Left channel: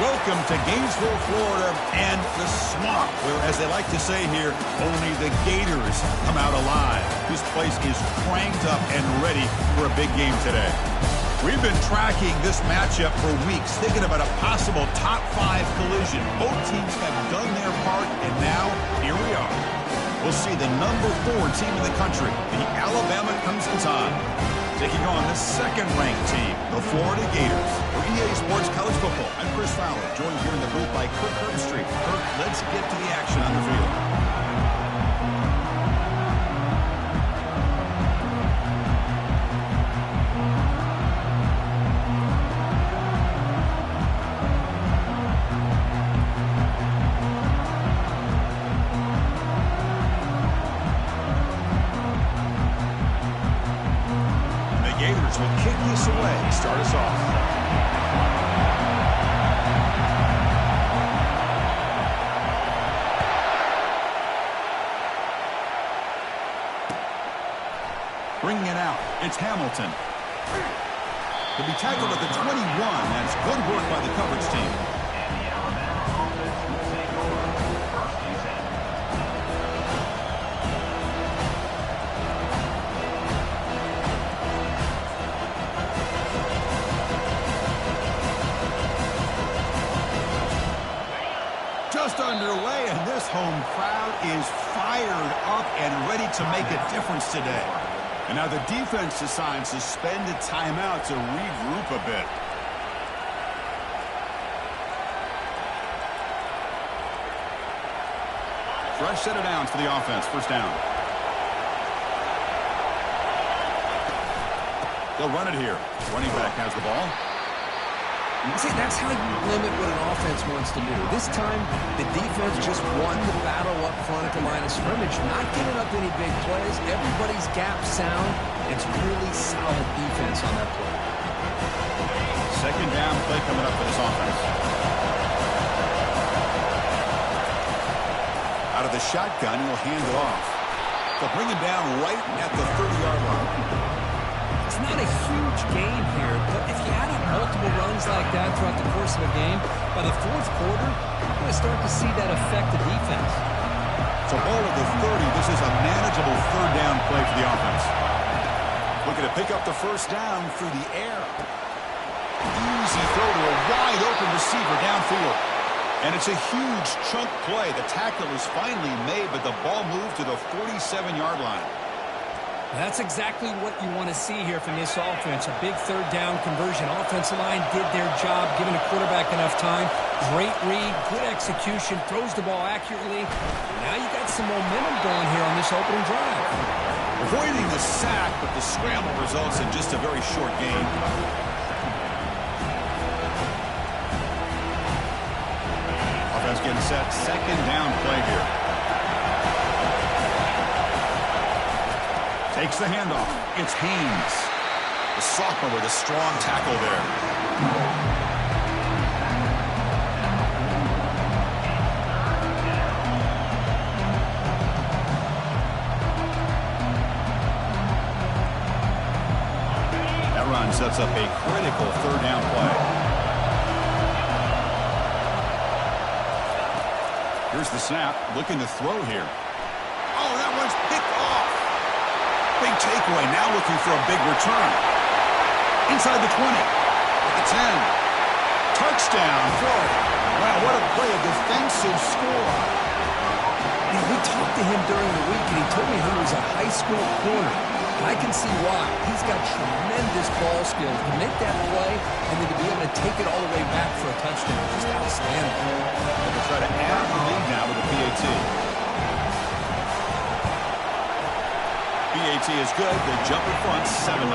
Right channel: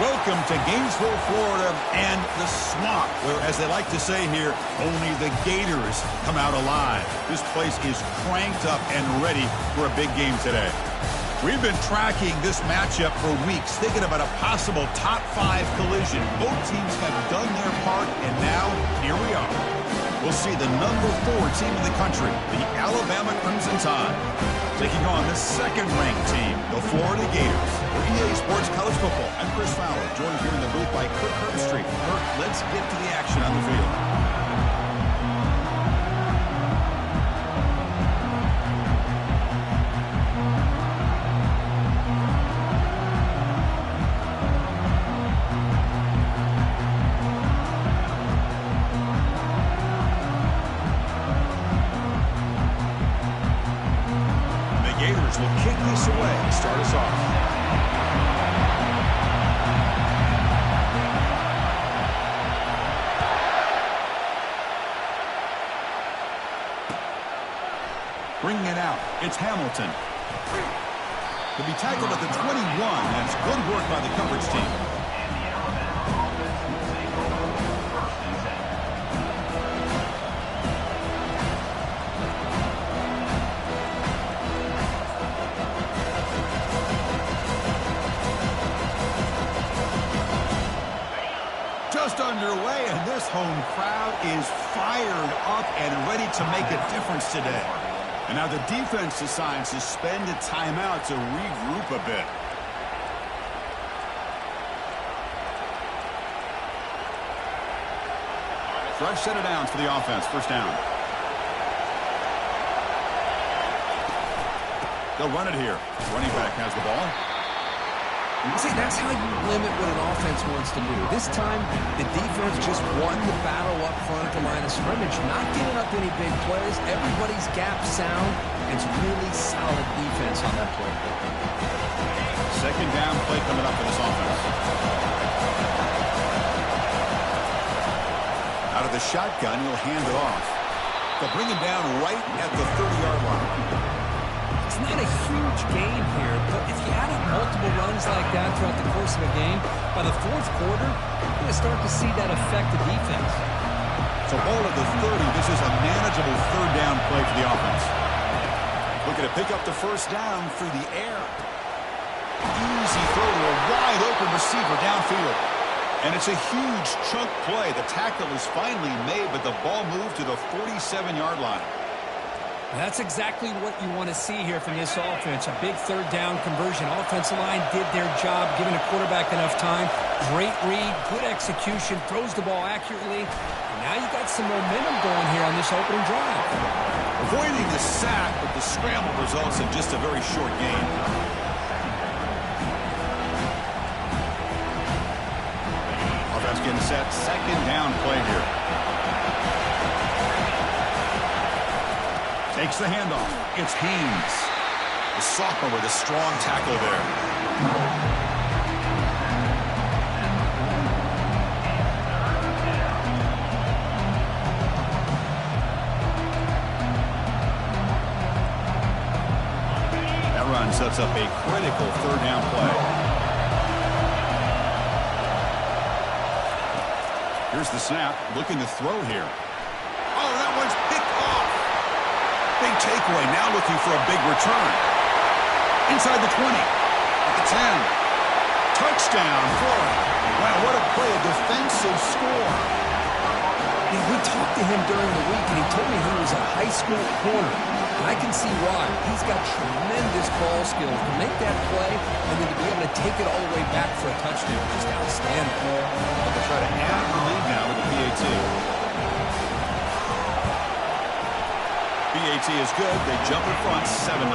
Welcome to Gainesville, Florida, and the swamp, where, as they like to say here, only the Gators come out alive. This place is cranked up and ready for a big game today. We've been tracking this matchup for weeks, thinking about a possible top 5 collision. Both teams have done their part, and now, here we are. We'll see the number 4 team in the country, the Alabama Crimson Tide, taking on the second-ranked team, the Florida Gators. For EA Sports College Football, I'm Chris Fowler, joined here in the booth by Kirk Herbstreit. Kirk, let's get to the action on the field. Will kick this away, start us off. Bringing it out, it's Hamilton. He'll be tackled at the 21. That's good work by the coverage team. And the Alabama offense will take over 1st and 10. Just underway, and this home crowd is fired up and ready to make a difference today. And now the defense decides to spend a timeout to regroup a bit. Fresh set of downs for the offense. First down. They'll run it here. Running back has the ball. See, that's how you limit what an offense wants to do. This time, the defense just won the battle up front at the line of scrimmage, not giving up any big plays. Everybody's gap sound. It's really solid defense on that play. Second down play coming up for this offense. Out of the shotgun, he'll hand it off. They'll bring him down right at the 30-yard line. It's not a huge gain here, but if you add up multiple runs like that throughout the course of a game, by the 4th quarter, you're going to start to see that affect the defense. So ball at the 30. This is a manageable third down play for the offense. Looking to pick up the first down through the air. Easy throw to a wide-open receiver downfield. And it's a huge chunk play. The tackle is finally made, but the ball moved to the 47-yard line. That's exactly what you want to see here from this offense. A big third down conversion. Offensive line did their job, giving the quarterback enough time. Great read, good execution, throws the ball accurately. And now you got some momentum going here on this opening drive. Avoiding the sack, but the scramble results in just a very short gain. Offense getting set. Second down play here. Takes the handoff. It's Haynes. The sophomore with a strong tackle there. That run sets up a critical third down play. Here's the snap. Looking to throw here. Oh, that one's picked off. Big takeaway, now looking for a big return. Inside the 20, at the 10. Touchdown, Florida. Wow, what a play, a defensive score. You know, we talked to him during the week, and he told me he was a high school corner. And I can see why. He's got tremendous ball skills to make that play and then to be able to take it all the way back for a touchdown. Just outstanding. They'll try to add the lead now with the PAT. PAT is good. They jump in front, 7-0.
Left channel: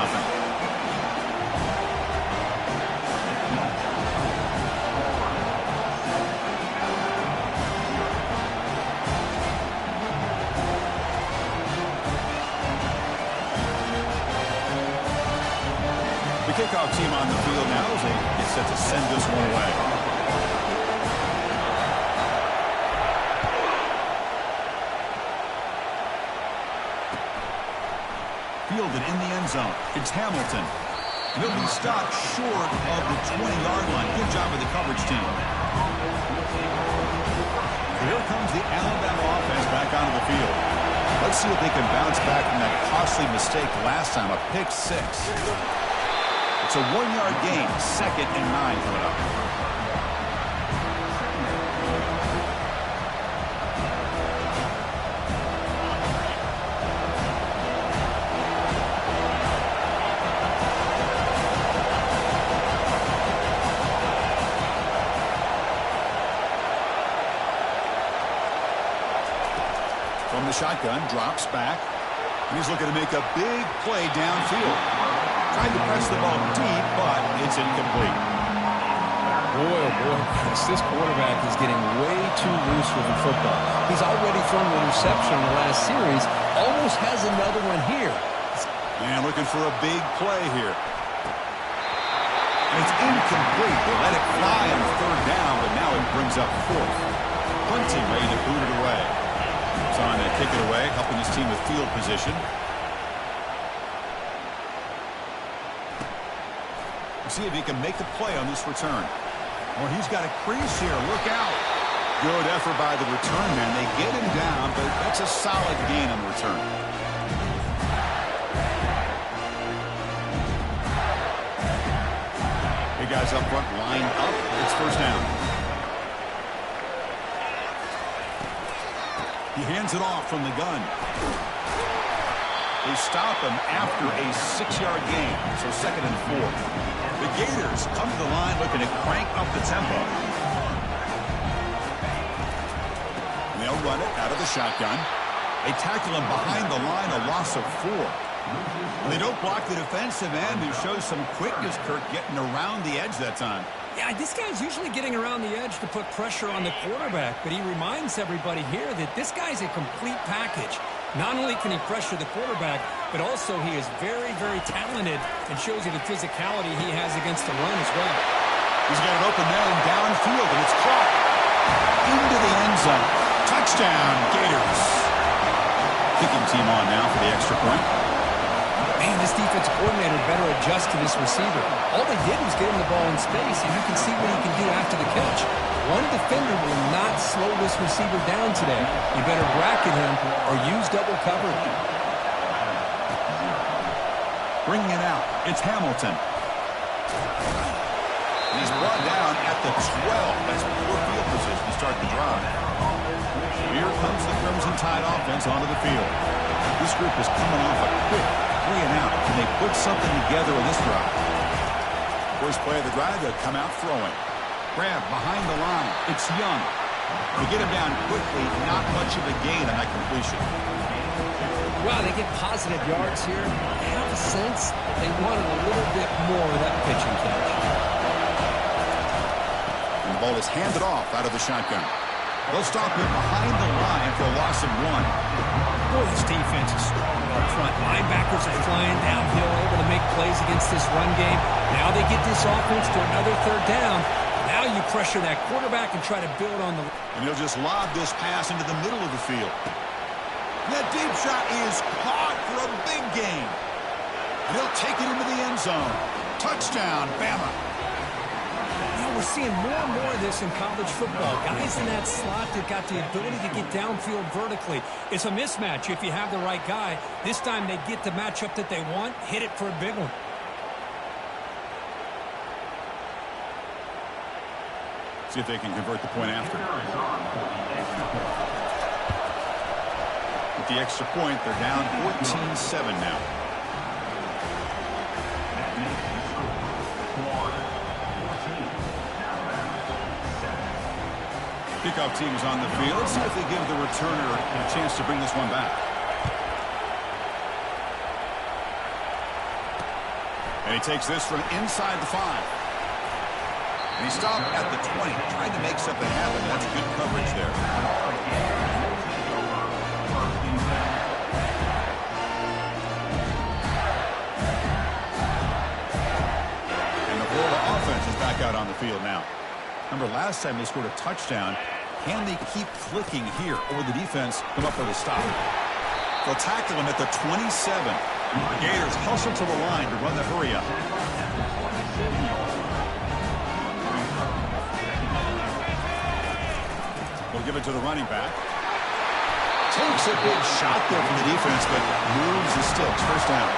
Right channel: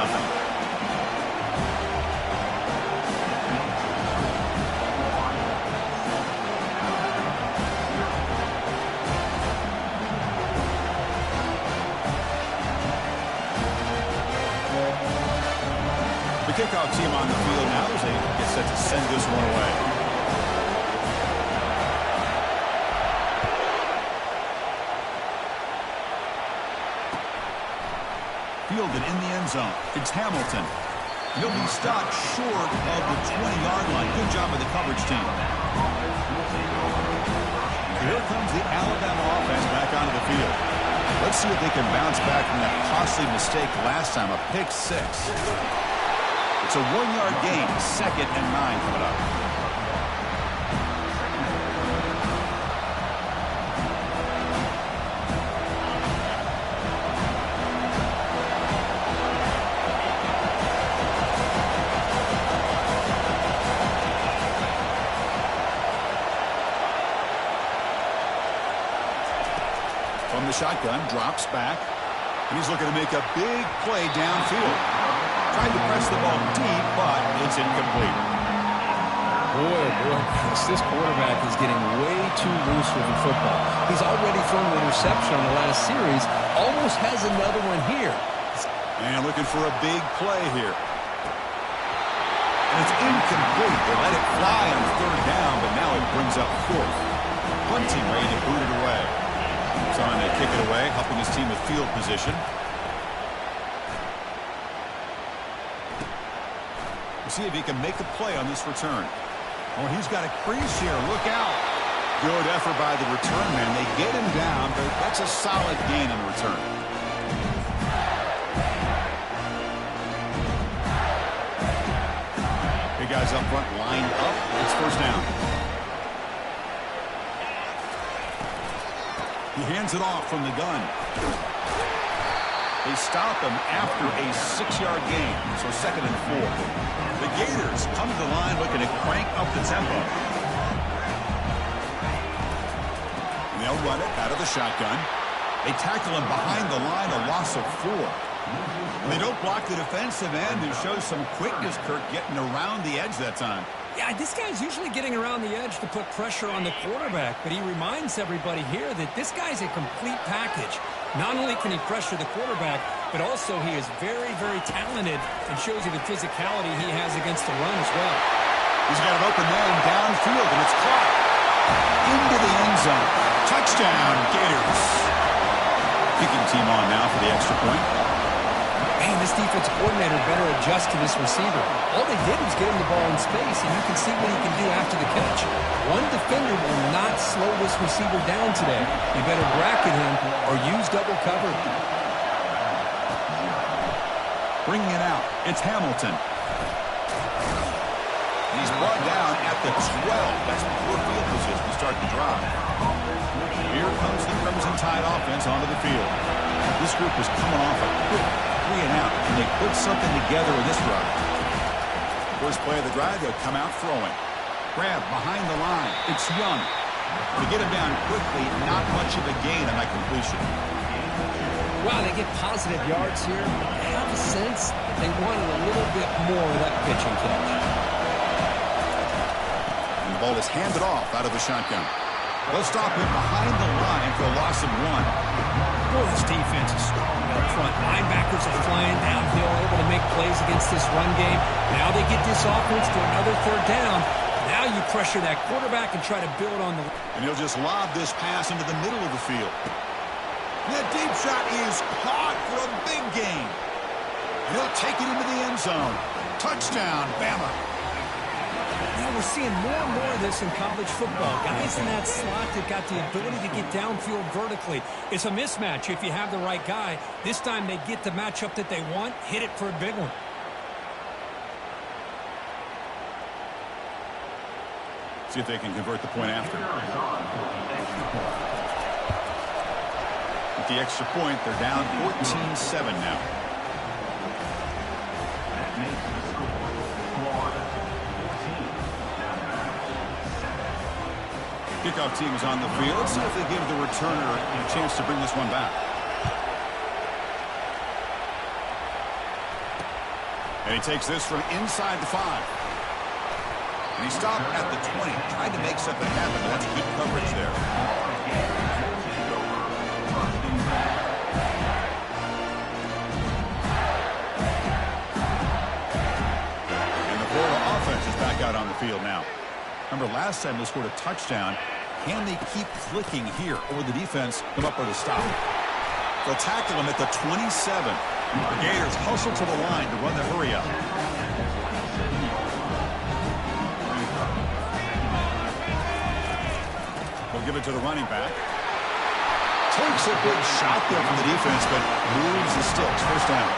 The kickoff team on the field now as they get set to send this one away. Fielded in the end zone. It's Hamilton. He'll be stopped short of the 20-yard line. Good job of the coverage team. Here comes the Alabama offense back onto the field. Let's see if they can bounce back from that costly mistake last time, a pick six. It's a 1-yard gain, 2nd and 9 coming up. From the shotgun, drops back, and he's looking to make a big play downfield. Tried to press the ball deep, but it's incomplete. Boy, oh boy, this quarterback is getting way too loose with the football. He's already thrown an interception on the last series, almost has another one here. And looking for a big play here. And it's incomplete. They let it fly on 3rd down, but now it brings up 4th. Punting, ready to boot it away. Trying to kick it away, helping his team with field position. We'll see if he can make a play on this return. Oh, he's got a crease here. Look out. Good effort by the return man. They get him down, but that's a solid gain on the return. Big guys up front lined up. It's 1st down. He hands it off from the gun. They stop him after a 6-yard gain, so 2nd and 4. The Gators come to the line looking to crank up the tempo. And they'll run it out of the shotgun. They tackle him behind the line, a loss of 4. And they don't block the defensive end, who shows some quickness, Kirk, getting around the edge that time. Yeah, this guy's usually getting around the edge to put pressure on the quarterback, but he reminds everybody here that this guy's a complete package. Not only can he pressure the quarterback, but also he is very, very talented and shows you the physicality he has against the run as well. He's got an open man downfield, and it's caught into the end zone. Touchdown, Gators. Kicking team on now for the extra point. Man, this defensive coordinator better adjust to this receiver. All they did was get him the ball in space, and you can see what he can do after the catch. One defender will not slow this receiver down today. You better bracket him or use double coverage. Bringing it out, it's Hamilton. And he's brought down at the 12. That's poor field position to start the drive. Here comes the Crimson Tide offense onto the field. This group is coming off a quick 3 and out. Can they put something together with this drive? First play of the drive, they'll come out throwing. Grab behind the line. It's Young. They get him down quickly. Not much of a gain on that completion. Wow, they get positive yards here. I have a sense that they wanted a little bit more of that pitching catch. And the ball is handed off out of the shotgun. They'll stop him behind the line for a loss of 1. Boy, this defense is strong up front. Linebackers are flying downhill, able to make plays against this run game. Now they get this offense to another 3rd down. Now you pressure that quarterback and try to build on the... And he'll just lob this pass into the middle of the field. That deep shot is caught for a big gain. And he'll take it into the end zone. Touchdown, Bama. You know, we're seeing more and more of this in college football. Guys in that slot that got the ability to get downfield vertically. It's a mismatch if you have the right guy. This time they get the matchup that they want, hit it for a big one. See if they can convert the point after. With the extra point, they're down 14-7 now. That makes the score Florida 14, Alabama 7. Kickoff team is on the field. Let's see if they give the returner a chance to bring this one back. And he takes this from inside the 5. And he stopped at the 20, trying to make something happen. That's good coverage there. And the Florida offense is back out on the field now. Remember, last time they scored a touchdown. Can they keep clicking here, or the defense come up with a stop? They'll tackle him at the 27. The Gators hustle to the line to run the hurry up. 27-yard line. Brings up second down. We'll give it to the running back. Takes a big shot there from the defense, but moves the sticks. First down.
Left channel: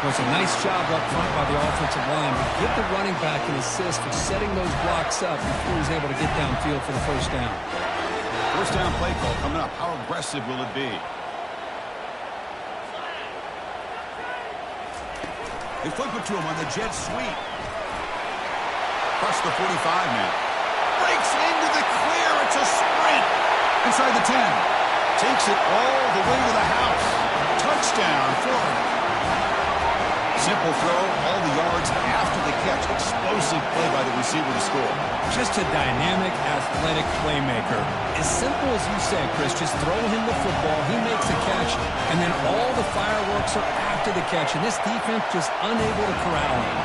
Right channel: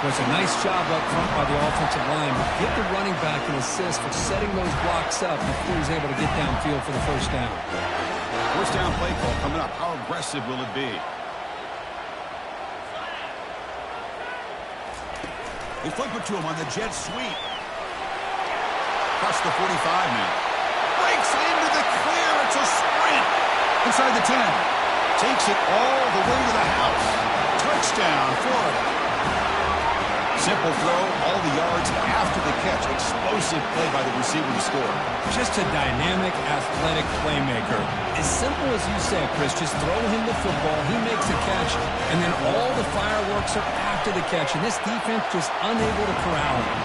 Well, it's a nice job up front by the offensive line, but give the running back an assist for setting those blocks up before he's able to get downfield for the first down. First down play call coming up. How aggressive will it be? They flip it to him on the jet sweep. Across the 45 now. Breaks into the clear. It's a sprint. Inside the 10. Takes it all the way to the house. Touchdown, Florida. Simple throw, all the yards after the catch. Explosive play by the receiver to score. Just a dynamic, athletic playmaker. As simple as you said, Chris, just throw him the football, he makes the catch, and then all the fireworks are after the catch, and this defense just unable to corral him.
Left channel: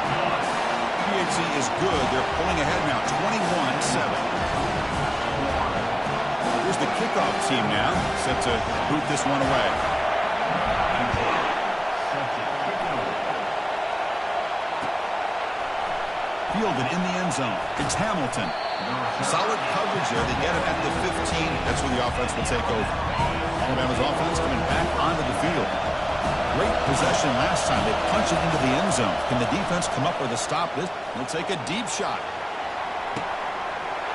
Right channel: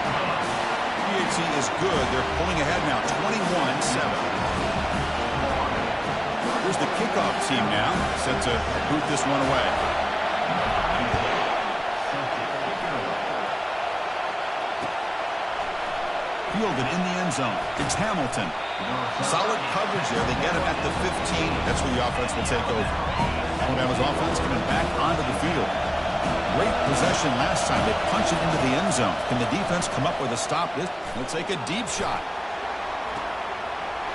PHC is good. They're pulling ahead now, 21-7. Here's the kickoff team now, set to boot this one away. Fielded in the end zone. It's Hamilton. Solid coverage there. They get him at the 15. That's where the offense will take over. Alabama's offense coming back onto the field. Great possession last time. They punch it into the end zone. Can the defense come up with a stop? He'll take a deep shot.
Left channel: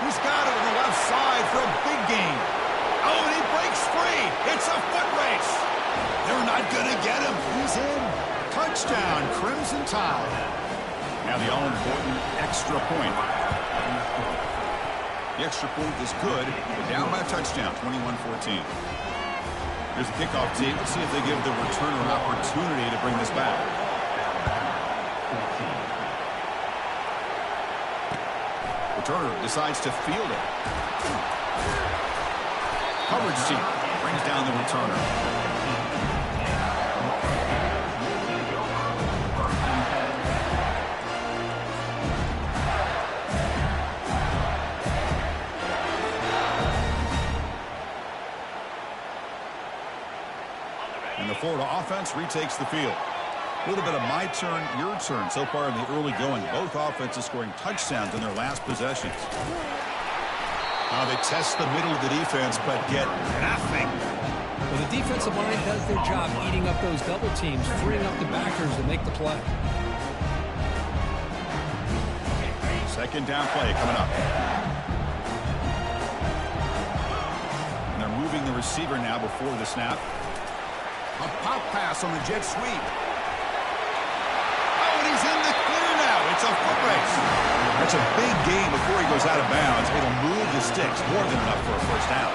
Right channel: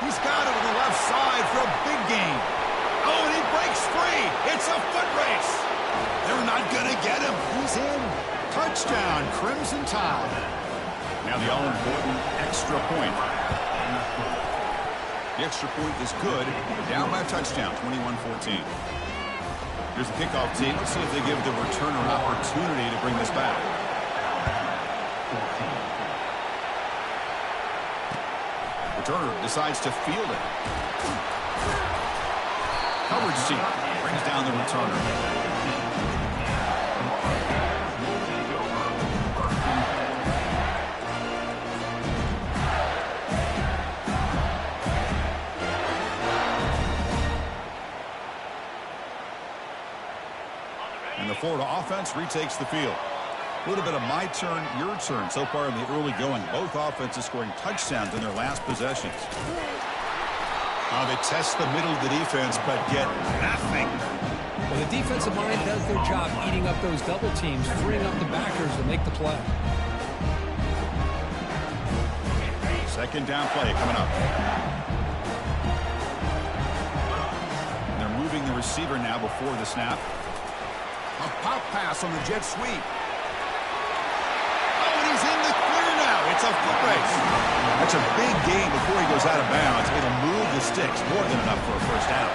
He's got it on the left side for a big gain. Oh, and he breaks free. It's a foot race. They're not going to get him. He's in. Touchdown, Crimson Tide. Now the all-important extra point. The extra point is good. They're down by a touchdown, 21-14. Here's the kickoff team. Let's see if they give the returner an opportunity to bring this back. Returner decides to field it. Coverage team brings down the returner. And the Florida offense retakes the field. A little bit of my turn, your turn so far in the early going. Both offenses scoring touchdowns in their last possessions. Now they test the middle of the defense, but get nothing. Well, the defensive line does their job eating up those double teams, freeing up the backers to make the play. Second down play coming up. And they're moving the receiver now before the snap. A pop pass on the jet sweep. Oh, and he's in the clear now. It's a foot race. That's a big gain before he goes out of bounds. It'll move the sticks more than enough for a first down.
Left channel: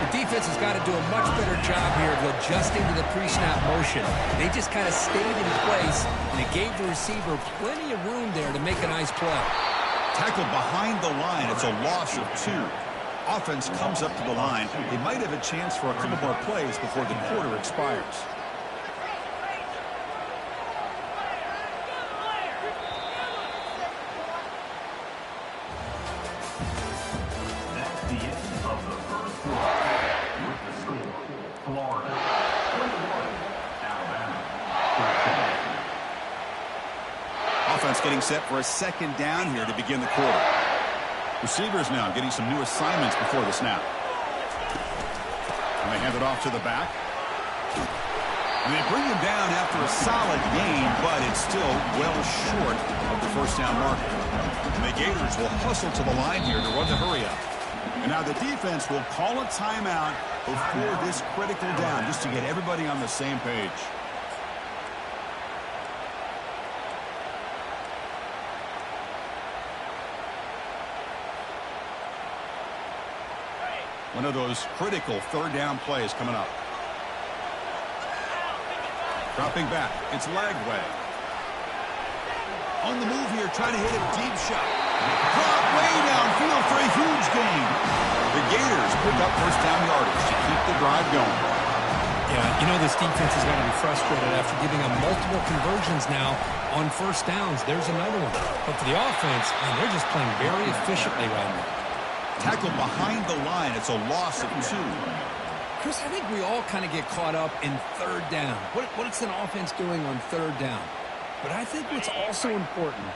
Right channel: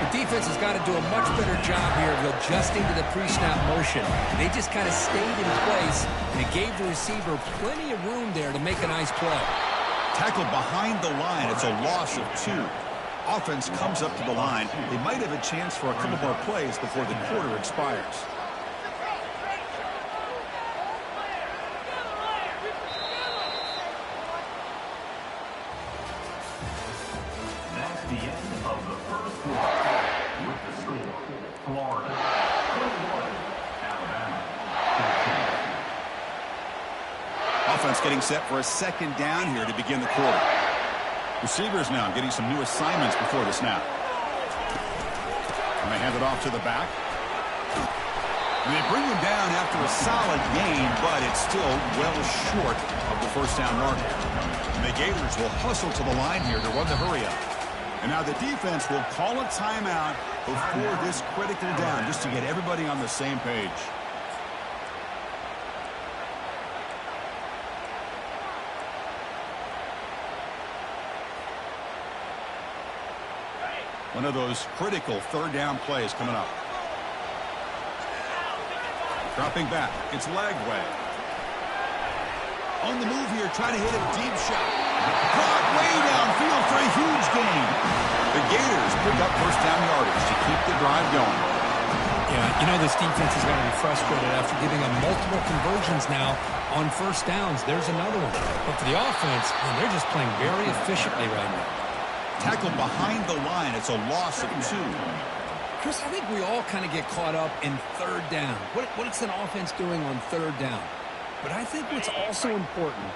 The defense has got to do a much better job here of adjusting to the pre-snap motion. They just kind of stayed in place, and it gave the receiver plenty of room there to make a nice play. Tackled behind the line. It's a loss of 2. Offense comes up to the line. They might have a chance for a couple more plays before the quarter expires. That's the end of the first quarter. With the score, Florida 21, Alabama 13. Offense getting set for a second down here to begin the quarter. Receivers now getting some new assignments before the snap. And they hand it off to the back. And they bring him down after a solid gain, but it's still well short of the first down marker. And the Gators will hustle to the line here to run the hurry up. And now the defense will call a timeout before this critical down just to get everybody on the same page. One of those critical third down plays coming up. Dropping back. It's Lagway. On the move here, trying to hit a deep shot. Caught way downfield for a huge gain. The Gators pick up first down yardage to keep the drive going. Yeah, you know this defense has got to be frustrated after giving them multiple conversions now on first downs. There's another one. But for the offense, man, they're just playing very efficiently right now. Tackled behind the line. It's a loss of 2. Chris, I think we all kind of get caught up in third down. What's an offense doing on third down? But I think what's also important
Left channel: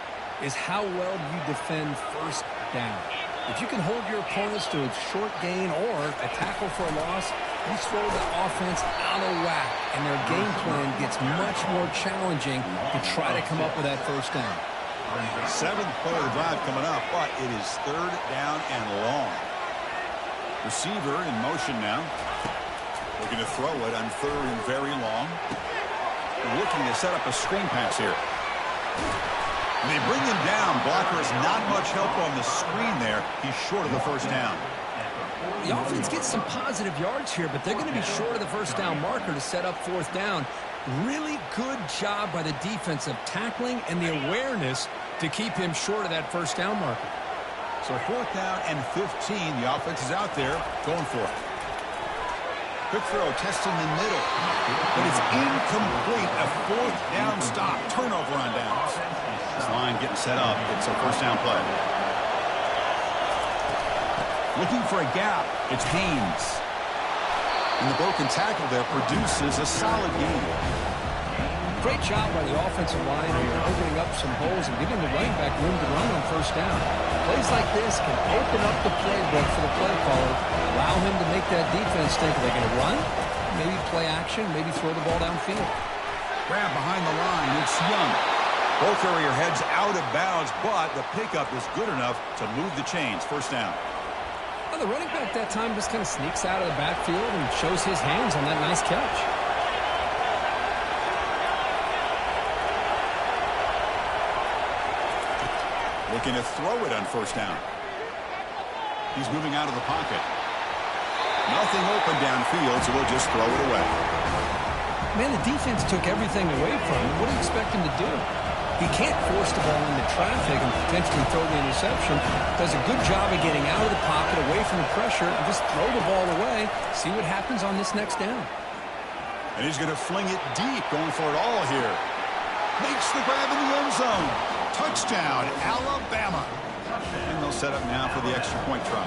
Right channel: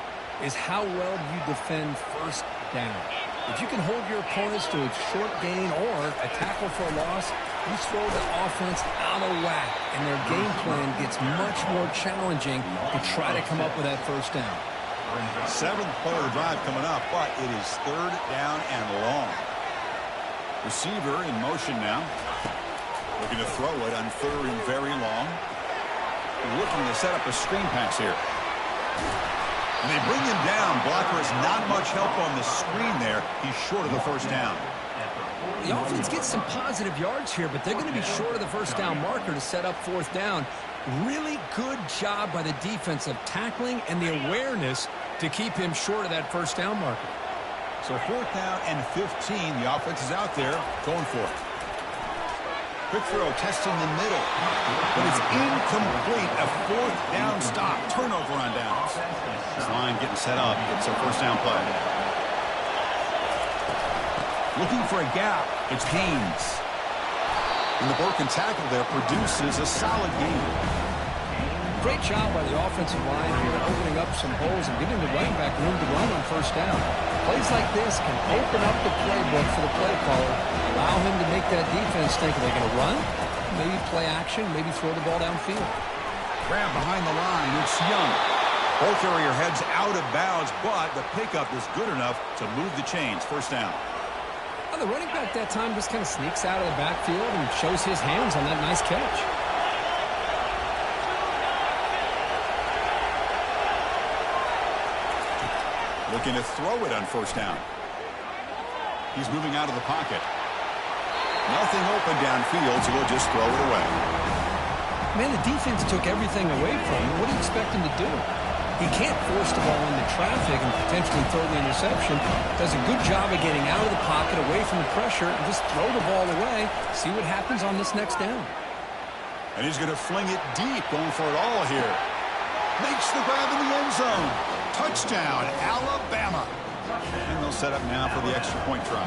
is how well you defend first down. If you can hold your opponents to a short gain or a tackle for a loss, you throw the offense out of whack, and their game plan gets much more challenging to try to come up with that first down. 7th play of the drive coming up, but it is 3rd down and long. Receiver in motion now. Looking to throw it on 3rd and very long. Looking to set up a screen pass here. And they bring him down. Blocker has not much help on the screen there. He's short of the first down. The offense gets some positive yards here, but they're going to be short of the first down marker to set up 4th down. Really good job by the defense of tackling and the awareness to keep him short of that first down marker. So 4th down and 15. The offense is out there going for it. Quick throw, testing the middle. But it's incomplete. A 4th down stop. Turnover on downs. This line getting set up. It's a first down play. Looking for a gap. It's Haynes. And the broken tackle there produces a solid gain. Great job by the offensive line here, opening up some holes and giving the running back room to run on first down. Plays like this can open up the playbook for the play caller, allow him to make that defense think, are they going to run? Maybe play action, maybe throw the ball downfield. Grab behind the line. It's Young. Ball carrier heads out of bounds, but the pickup is good enough to move the chains. First down. Well, the running back that time just kind of sneaks out of the backfield and shows his hands on that nice catch. Looking to throw it on first down. He's moving out of the pocket. Nothing open downfield, so we'll just throw it away. Man, the defense took everything away from him. What do you expect him to do? He can't force the ball into traffic and potentially throw the interception. Does a good job of getting out of the pocket, away from the pressure, and just throw the ball away. See what happens on this next down. And he's going to fling it deep, going for it all here. Makes the grab in the end zone. Touchdown, Alabama. And they'll set up now for the extra point try.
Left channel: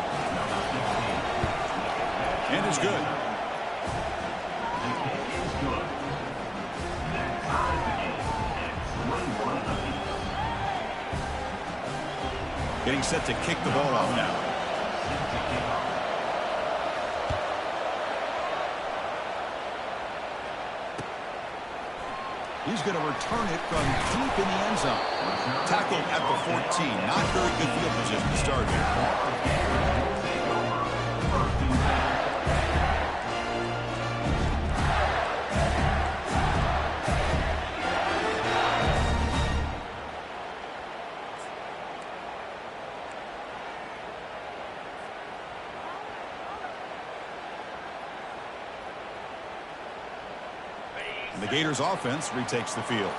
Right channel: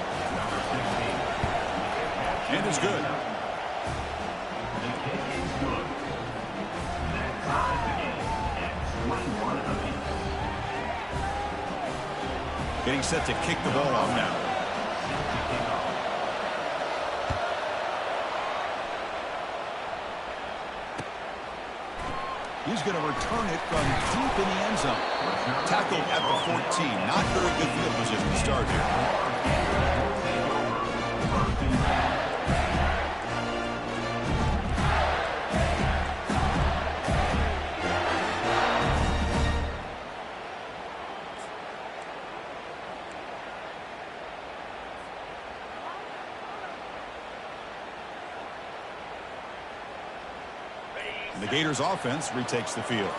And it's good. The kick is good. That ties the game at 21 apiece. Getting set to kick the ball off now. Set to kick off. He's going to return it from deep in the end zone. Tackled at the 14. Not very good field position to start here. And the Gators offense retakes the field.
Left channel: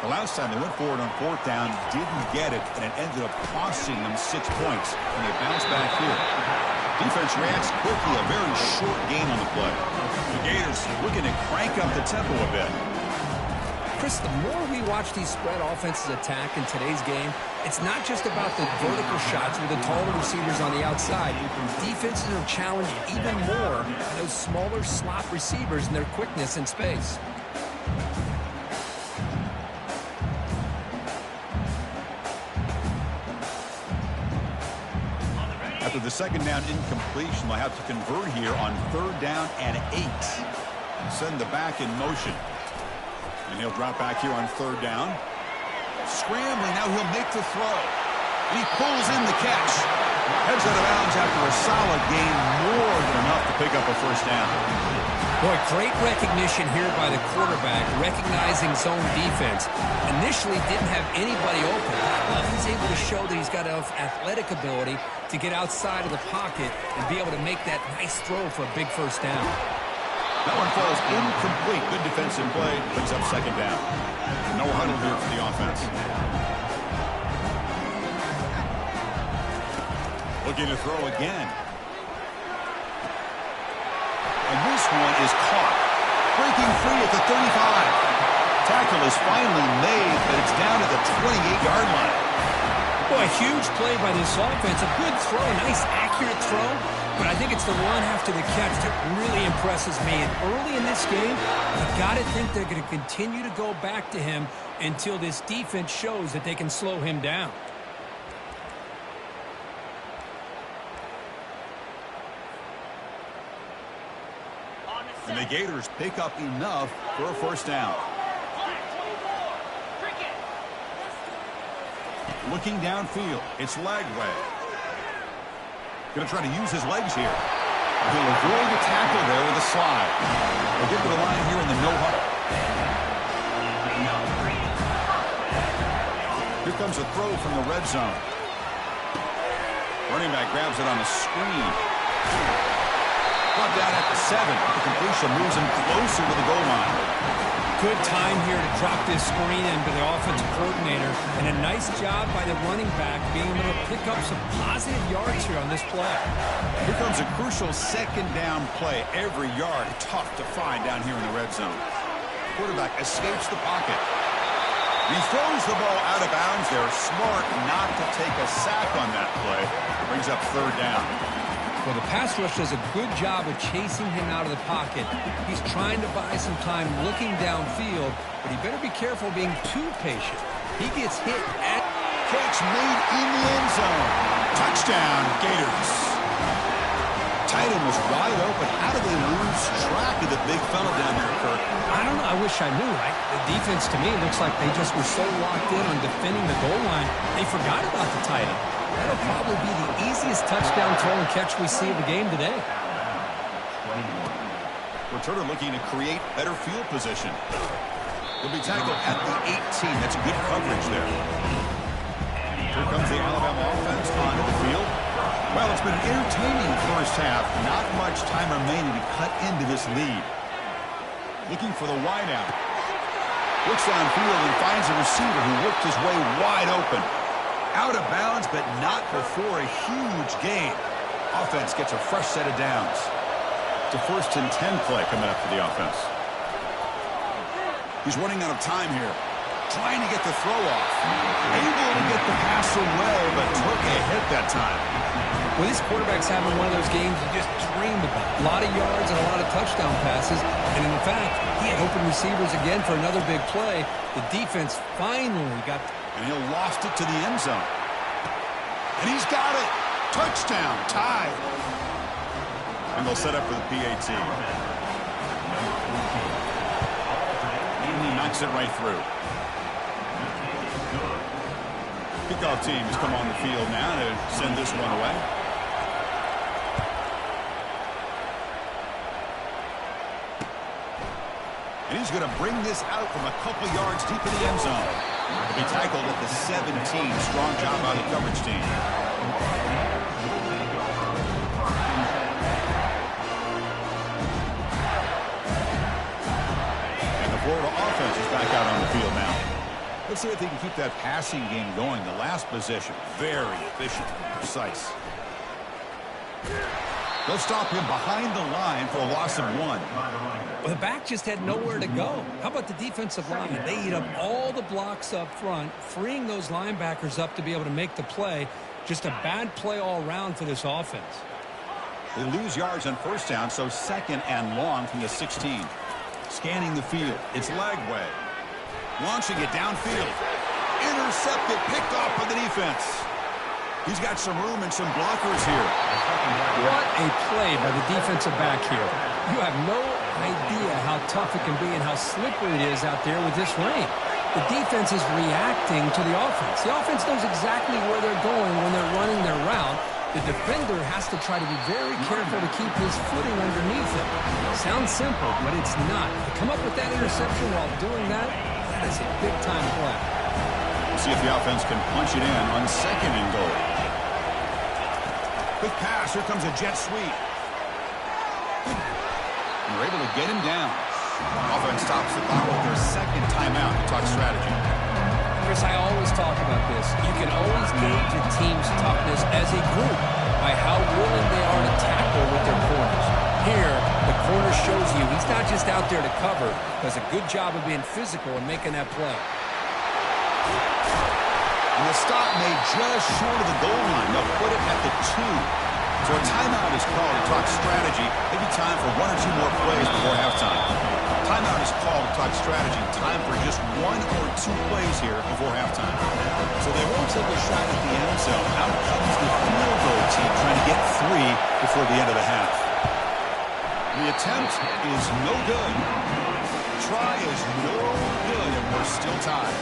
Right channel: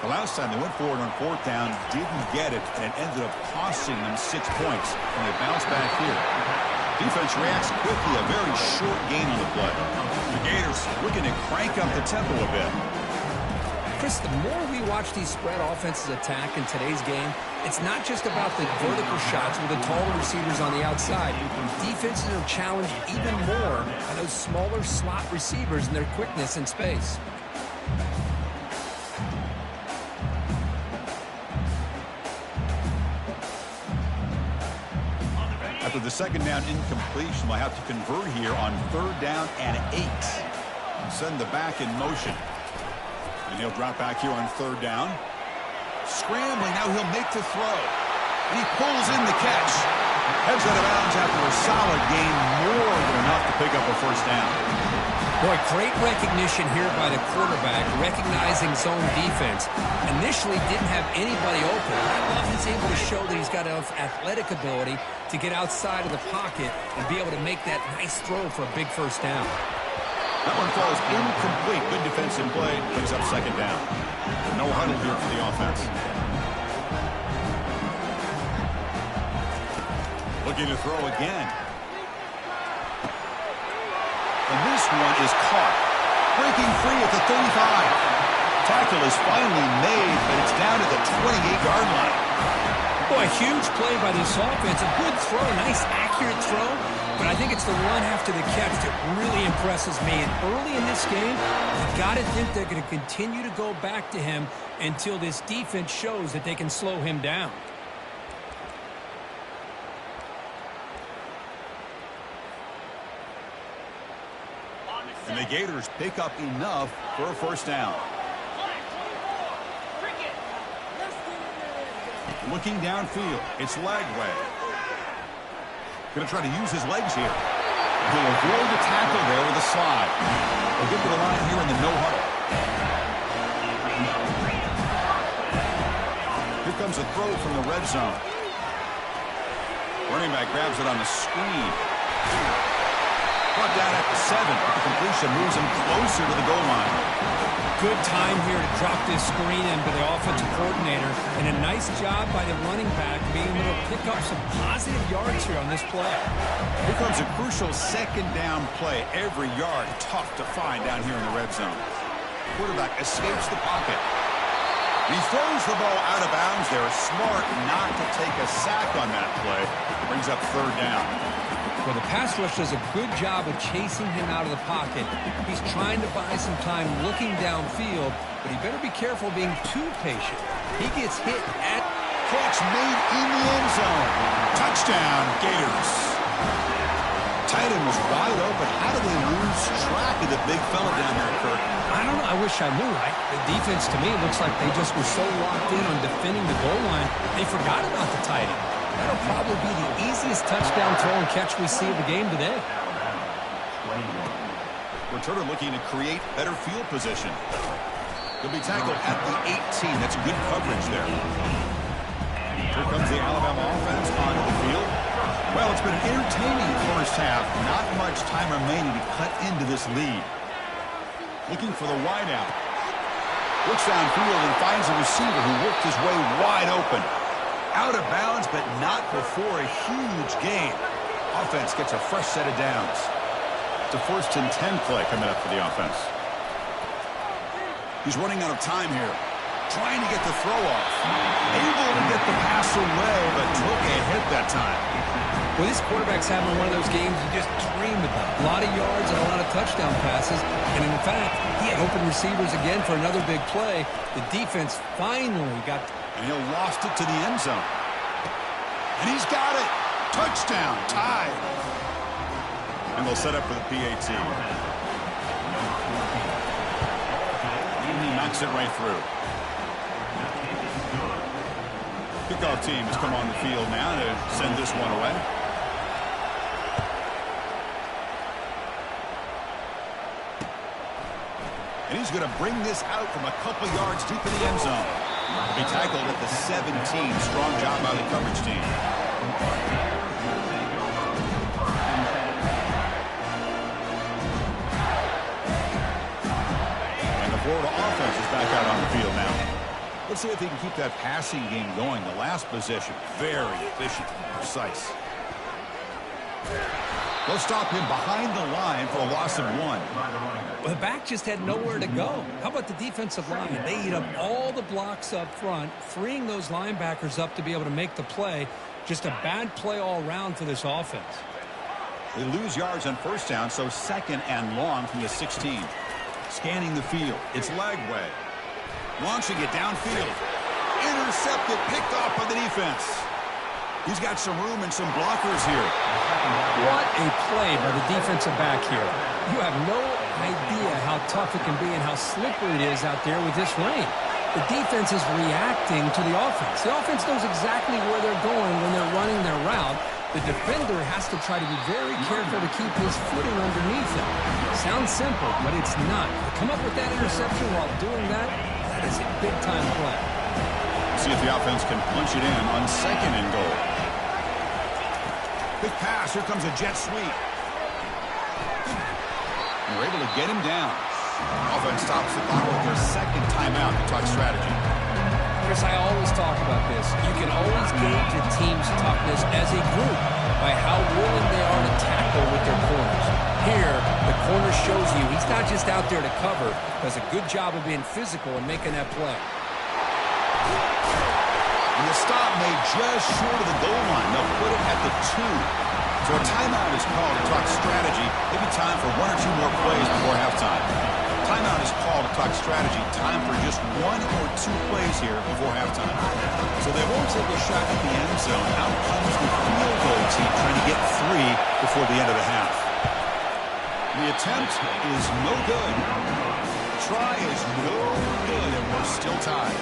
The last time they went forward on 4th down, didn't get it, and it ended up costing them 6 points. And they bounce back here. Defense reacts quickly, a very short gain on the play. The Gators looking to crank up the tempo a bit. Chris, the more we watch these spread offenses attack in today's game, it's not just about the vertical shots with the taller receivers on the outside. Defenses are challenged even more by those smaller slot receivers and their quickness in space. After the second down incompletion, they'll have to convert here on 3rd down and 8. Send the back in motion. And he'll drop back here on 3rd down. Scrambling, now he'll make the throw. And he pulls in the catch. Heads out of bounds after a solid gain, more than enough to pick up a first down. Boy, great recognition here by the quarterback, recognizing zone defense. Initially didn't have anybody open. I love he's able to show that he's got enough athletic ability to get outside of the pocket and be able to make that nice throw for a big first down. That one falls incomplete. Good defensive play, brings up 2nd down. No huddle here for the offense. Looking to throw again. And this one is caught. Breaking free at the 35. Tackle is finally made, but it's down at the 28-yard line. Boy, a huge play by this offense. A good throw, a nice accurate throw. but I think it's the run after the catch that really impresses me. And early in this game, you got to think they're going to continue to go back to him until this defense shows that they can slow him down. And the Gators pick up enough for a first down. Looking downfield, it's Lagway. Going to try to use his legs here. He'll avoid the tackle there with a slide. We'll get to the line here in the no huddle. Here comes a throw from the red zone. Running back grabs it on the screen. Brought down at the 7. The completion moves him closer to the goal line. Good time here to drop this screen in by the offensive coordinator, and a nice job by the running back being able to pick up some positive yards here on this play. Here comes a crucial second down play. Every yard tough to find down here in the red zone. Quarterback escapes the pocket. He throws the ball out of bounds there. Smart not to take a sack on that play. Brings up third down. Well, the pass rush does a good job of chasing him out of the pocket. He's trying to buy some time looking downfield, but he better be careful being too patient. He gets hit at... Catch made in the end zone. Touchdown, Gators. Tight end was wide open. How did they lose track of the big fella down there, Kirk? I don't know. I wish I knew. The defense, to me, looks like they just were so locked in on defending the goal line, they forgot about the tight end. That'll probably be the easiest touchdown throw and catch we see of the game today. Returner looking to create better field position. He'll be tackled at the 18. That's good coverage there. Here comes the Alabama offense onto the field. Well, it's been an entertaining first half. Not much time remaining to cut into this lead. Looking for the wideout. Looks downfield and finds a receiver who worked his way wide open. Out of bounds, but not before a huge gain. Offense gets a fresh set of downs. It's a 1st and 10 play coming up for the offense. He's running out of time here. Trying to get the throw off. Able to get the pass away, but took a hit that time. Well, this quarterback's having one of those games you just dreamed about. A lot of yards and a lot of touchdown passes. And in fact, he had open receivers again for another big play. The defense finally got... And he'll lost it to the end zone. And he's got it. Touchdown. Tied. And they'll set up for the PAT. And he knocks it right through. Kickoff team has come on the field now to send this one away. And he's going to bring this out from a couple yards deep in the end zone. He'll be tackled at the 17. Strong job by the coverage team. And the Florida offense is back out on the field now. Let's see if they can keep that passing game going. The last possession, very efficient and precise. They'll stop him behind the line for a loss of 1. Well, the back just had nowhere to go. How about the defensive line? They eat up all the blocks up front, freeing those linebackers up to be able to make the play. Just a bad play all around for this offense. They lose yards on first down, so 2nd and long from the 16. Scanning the field. It's Lagway. Launching it downfield. Intercepted, picked off by the defense. He's got some room and some blockers here. What a play by the defensive back here. You have no idea how tough it can be and how slippery it is out there with this rain. The defense is reacting to the offense. The offense knows exactly where they're going when they're running their route. The defender has to try to be very careful to keep his footing underneath him. Sounds simple, but it's not. To come up with that interception while doing that, that is a big-time play. See if the offense can punch it in on 2nd and goal. Quick pass. Here comes a jet sweep. And they're able to get him down. Offense stops the clock with their 2nd timeout to talk strategy. Chris, I always talk about this. You can always gauge a team's toughness as a group by how willing they are to tackle with their corners. Here, the corner shows you he's not just out there to cover, does a good job of being physical and making that play. And the stop made just short of the goal line. They'll put it at the 2. So a timeout is called to talk strategy. Maybe time for one or two more plays before halftime. Timeout is called to talk strategy. Time for just one or two plays here before halftime. So they won't take a shot at the end zone. Out comes the field goal team trying to get 3 before the end of the half. The attempt is no good. Try is no good, and we're still tied.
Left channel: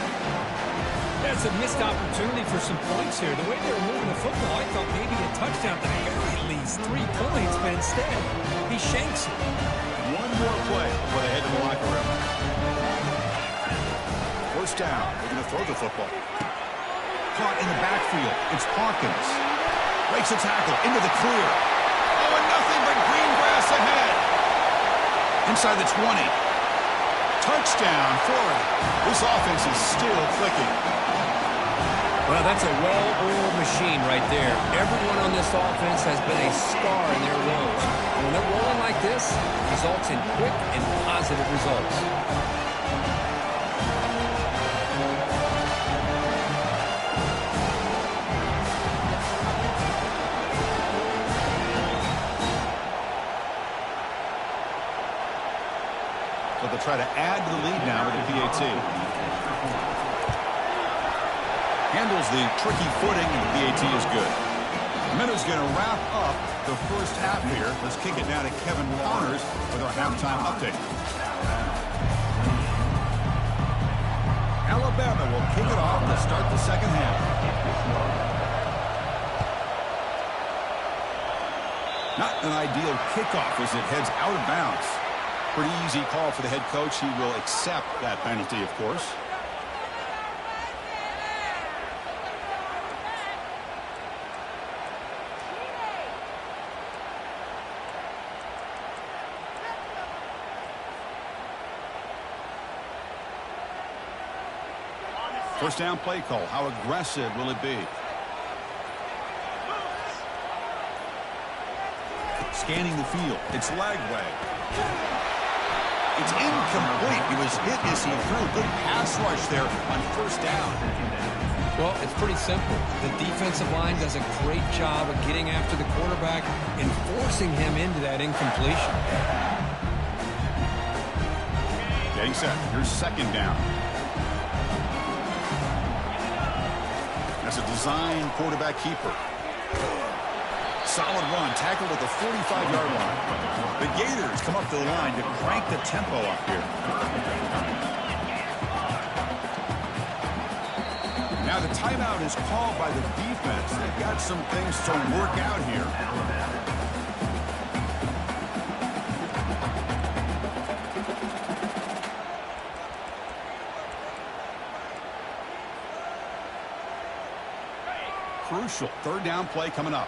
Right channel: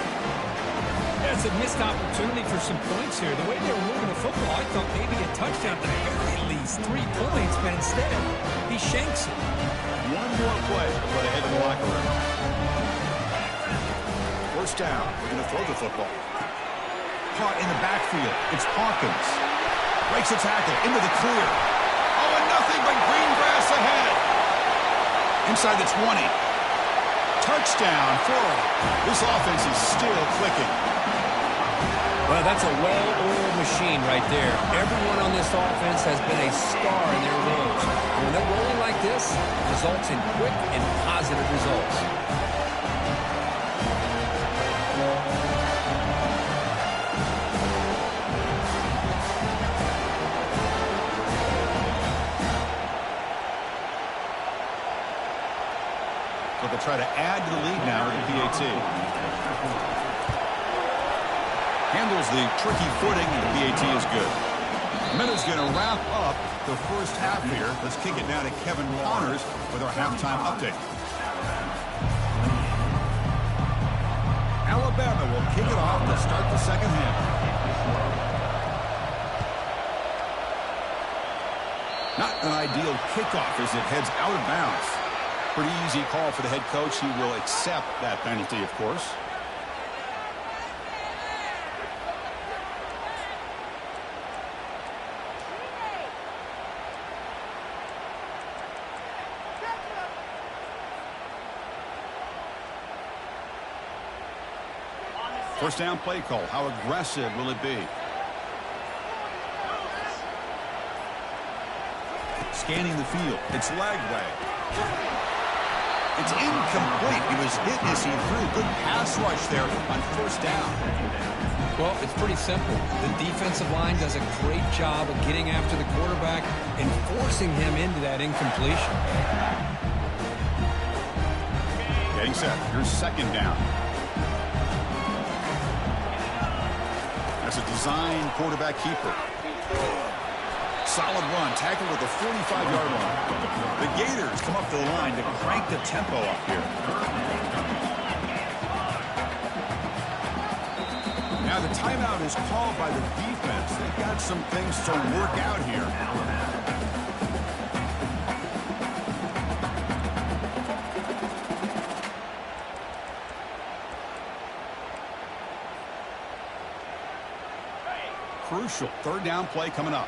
That's a missed opportunity for some points here. The way they were moving the football, I thought maybe a touchdown at the very least, 3 points, but instead, he shanks it. One more play before they head to the locker room. First down. We're going to throw the football. Caught in the backfield. It's Hawkins. Breaks a tackle into the clear. Oh, and nothing but green grass ahead. Inside the 20. Touchdown, Florida. This offense is still clicking. Well, that's a well-oiled machine right there. Everyone on this offense has been a star in their roles. And when they're rolling like this, it results in quick and positive results. So they'll try to add to the lead now with the PAT. Handles the tricky footing, and the PAT is good. Minuta's going to wrap up the first half here. Let's kick it now to Kevin Connors with our halftime update. Alabama will kick it off to start the second half. Not an ideal kickoff as it heads out of bounds. Pretty easy call for the head coach. He will accept that penalty, of course. First down play call. How aggressive will it be? Scanning the field. It's Lagway. It's incomplete. He was hit as he threw. Good pass rush there on first down. Well, it's pretty simple. The defensive line does a great job of getting after the quarterback and forcing him into that incompletion. Getting set. Here's second down. That's a design quarterback keeper. Solid run. Tackled at the 45-yard line. The Gators come up to the line to crank the tempo up here. Now the timeout is called by the defense. They've got some things to work out here. Crucial third down play coming up.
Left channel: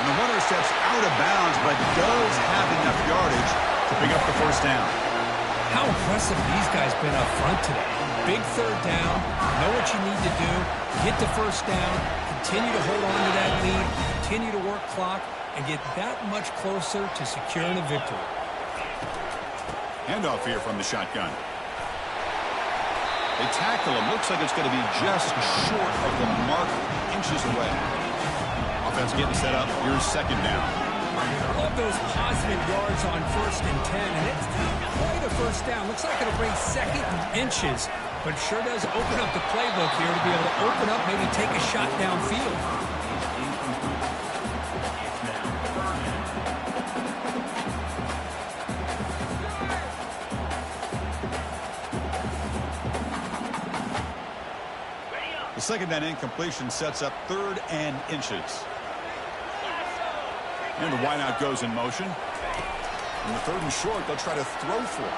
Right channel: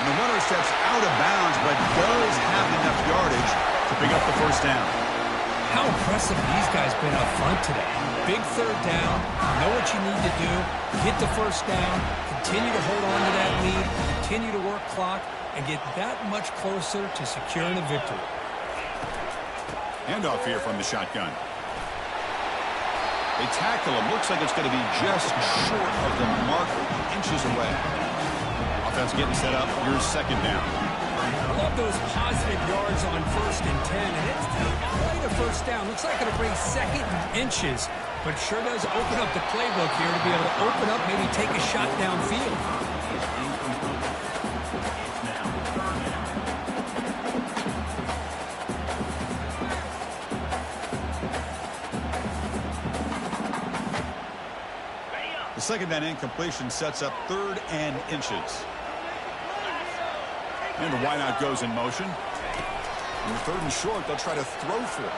And the runner steps out of bounds, but does have enough yardage to pick up the first down. How impressive these guys been up front today. Big third down, know what you need to do, get the first down, continue to hold on to that lead, continue to work clock, and get that much closer to securing a victory. Handoff here from the shotgun. They tackle him. Looks like it's going to be just short of the marker, inches away. Offense getting set up. Here's second down. I love those positive yards on 1st and 10, and it's quite a first down. Looks like it'll bring second and inches, but sure does open up the playbook here to be able to open up, maybe take a shot downfield. The second down incompletion sets up 3rd and inches. And the wideout goes in motion. And the 3rd and short, they'll try to throw for it.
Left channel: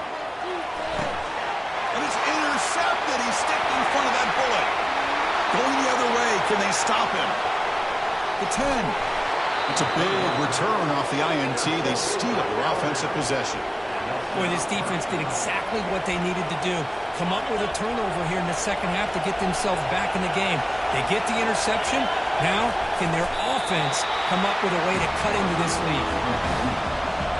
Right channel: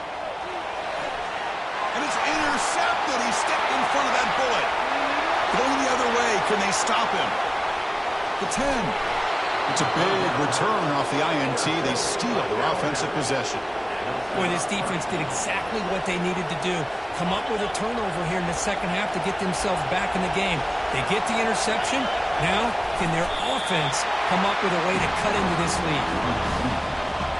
And it's intercepted. He stepped in front of that bullet. Going the other way. Can they stop him? The 10. It's a big return off the INT. They steal their offensive possession. Boy, this defense did exactly what they needed to do. Come up with a turnover here in the second half to get themselves back in the game. They get the interception. Now, can their offense come up with a way to cut into this lead?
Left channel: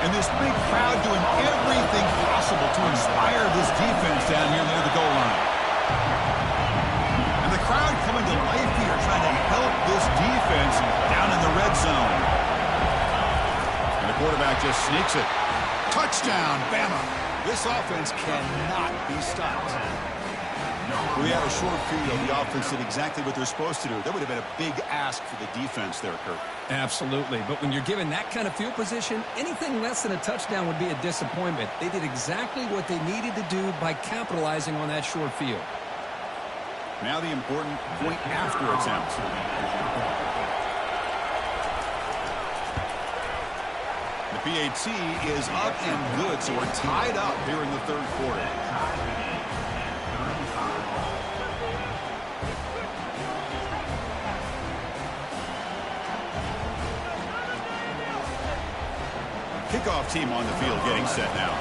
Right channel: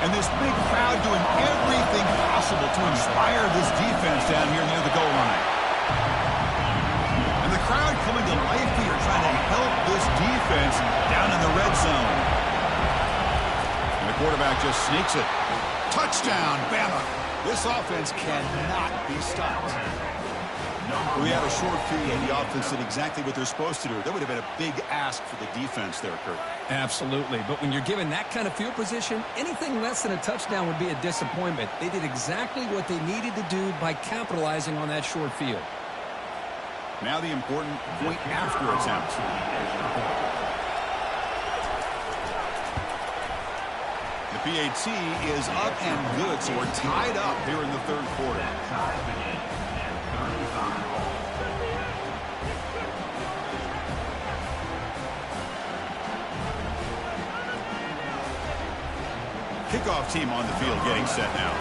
And this big crowd doing everything possible to inspire this defense down here near the goal line. And the crowd coming to life here, trying to help this defense down in the red zone. And the quarterback just sneaks it. Touchdown, Bama. This offense cannot be stopped. We had a short field. The offense did exactly what they're supposed to do. That would have been a big ask for the defense there, Kurt. Absolutely. But when you're given that kind of field position, anything less than a touchdown would be a disappointment. They did exactly what they needed to do by capitalizing on that short field. Now the important point after attempt. The PAT is up and good, so we're tied up here in the third quarter. Kickoff team on the field getting set now.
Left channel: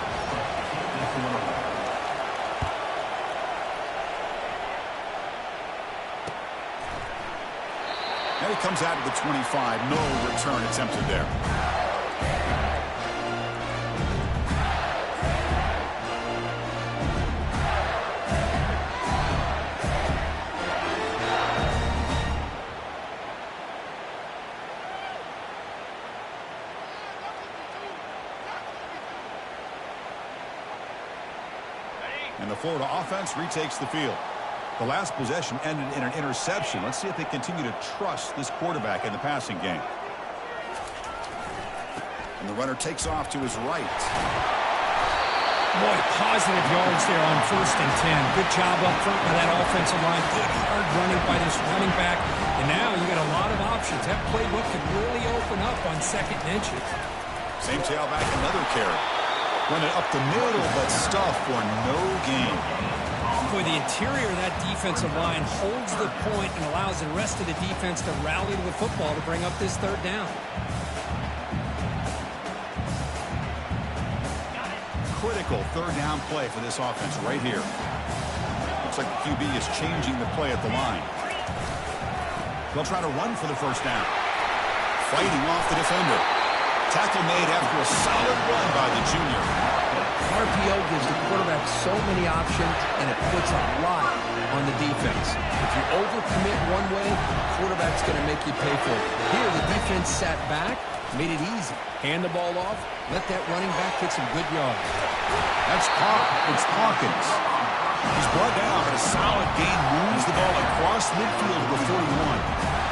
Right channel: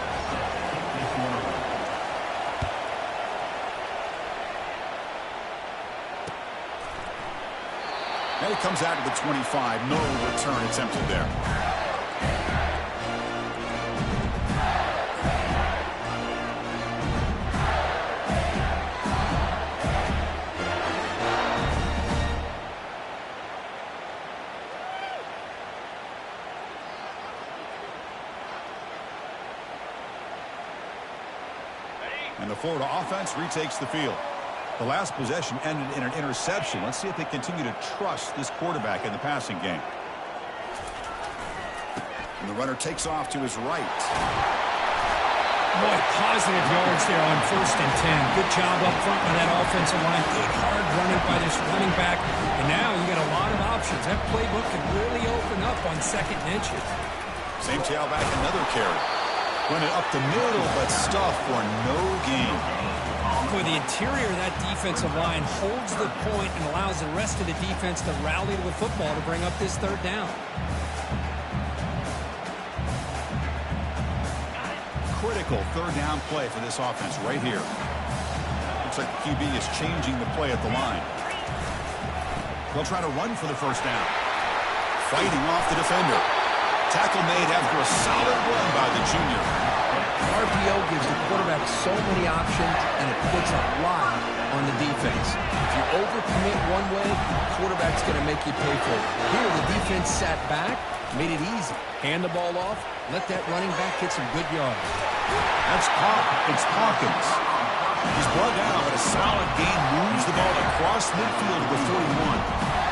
And it comes out to the 25. No return attempted there. And the Florida offense retakes the field. The last possession ended in an interception. Let's see if they continue to trust this quarterback in the passing game. And the runner takes off to his right. Boy, positive yards there on 1st and 10. Good job up front by that offensive line. Good hard running by this running back. And now you got a lot of options. That playbook can really open up on 2nd and inches. Same tailback, another carry. Run it up the middle, but stuff for no gain. Boy, the interior of that defensive line holds the point and allows the rest of the defense to rally to the football to bring up this 3rd down. Critical 3rd down play for this offense right here. Looks like the QB is changing the play at the line. They'll try to run for the 1st down. Fighting off the defender. Tackle made after a solid run by the junior. RPO gives the quarterback so many options, and it puts a lot on the defense. If you overcommit one way, the quarterback's going to make you pay for it. Here, the defense sat back, made it easy. Hand the ball off, let that running back get some good yards. That's Pop. It's Hawkins. He's brought down, but a solid gain moves the ball across midfield to the 41.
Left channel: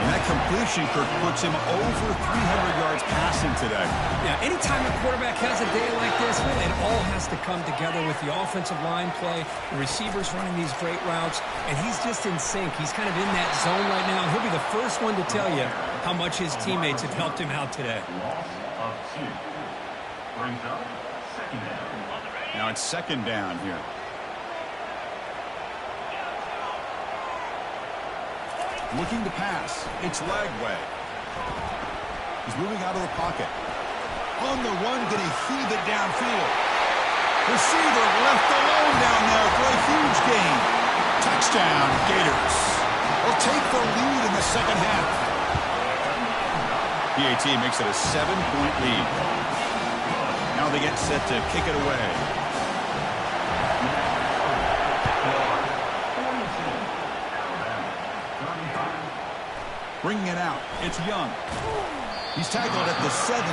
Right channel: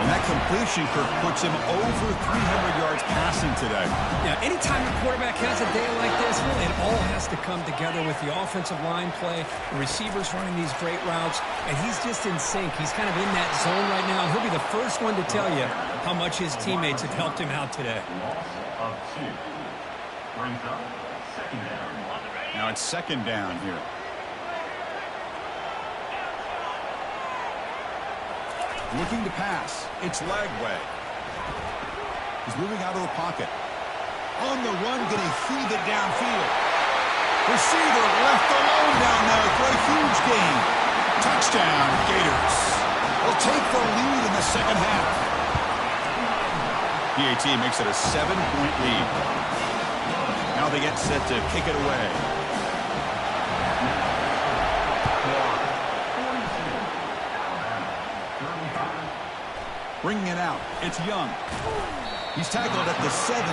And that completion, Kirk, puts him over 300 yards passing today. Yeah, anytime a quarterback has a day like this, really it all has to come together with the offensive line play, the receivers running these great routes, and he's just in sync. He's kind of in that zone right now, and he'll be the first one to tell you how much his teammates have helped him out today. Loss of 2. Brings up 2nd down. Now it's 2nd down here. Looking to pass. It's Lagway. He's moving out of the pocket. On the run, going to heave it downfield. Receiver left alone down there for a huge gain. Touchdown, Gators. They'll take the lead in the 2nd half. PAT makes it a 7-point lead. Now they get set to kick it away. Bringing it out. It's Young. He's tackled at the 17,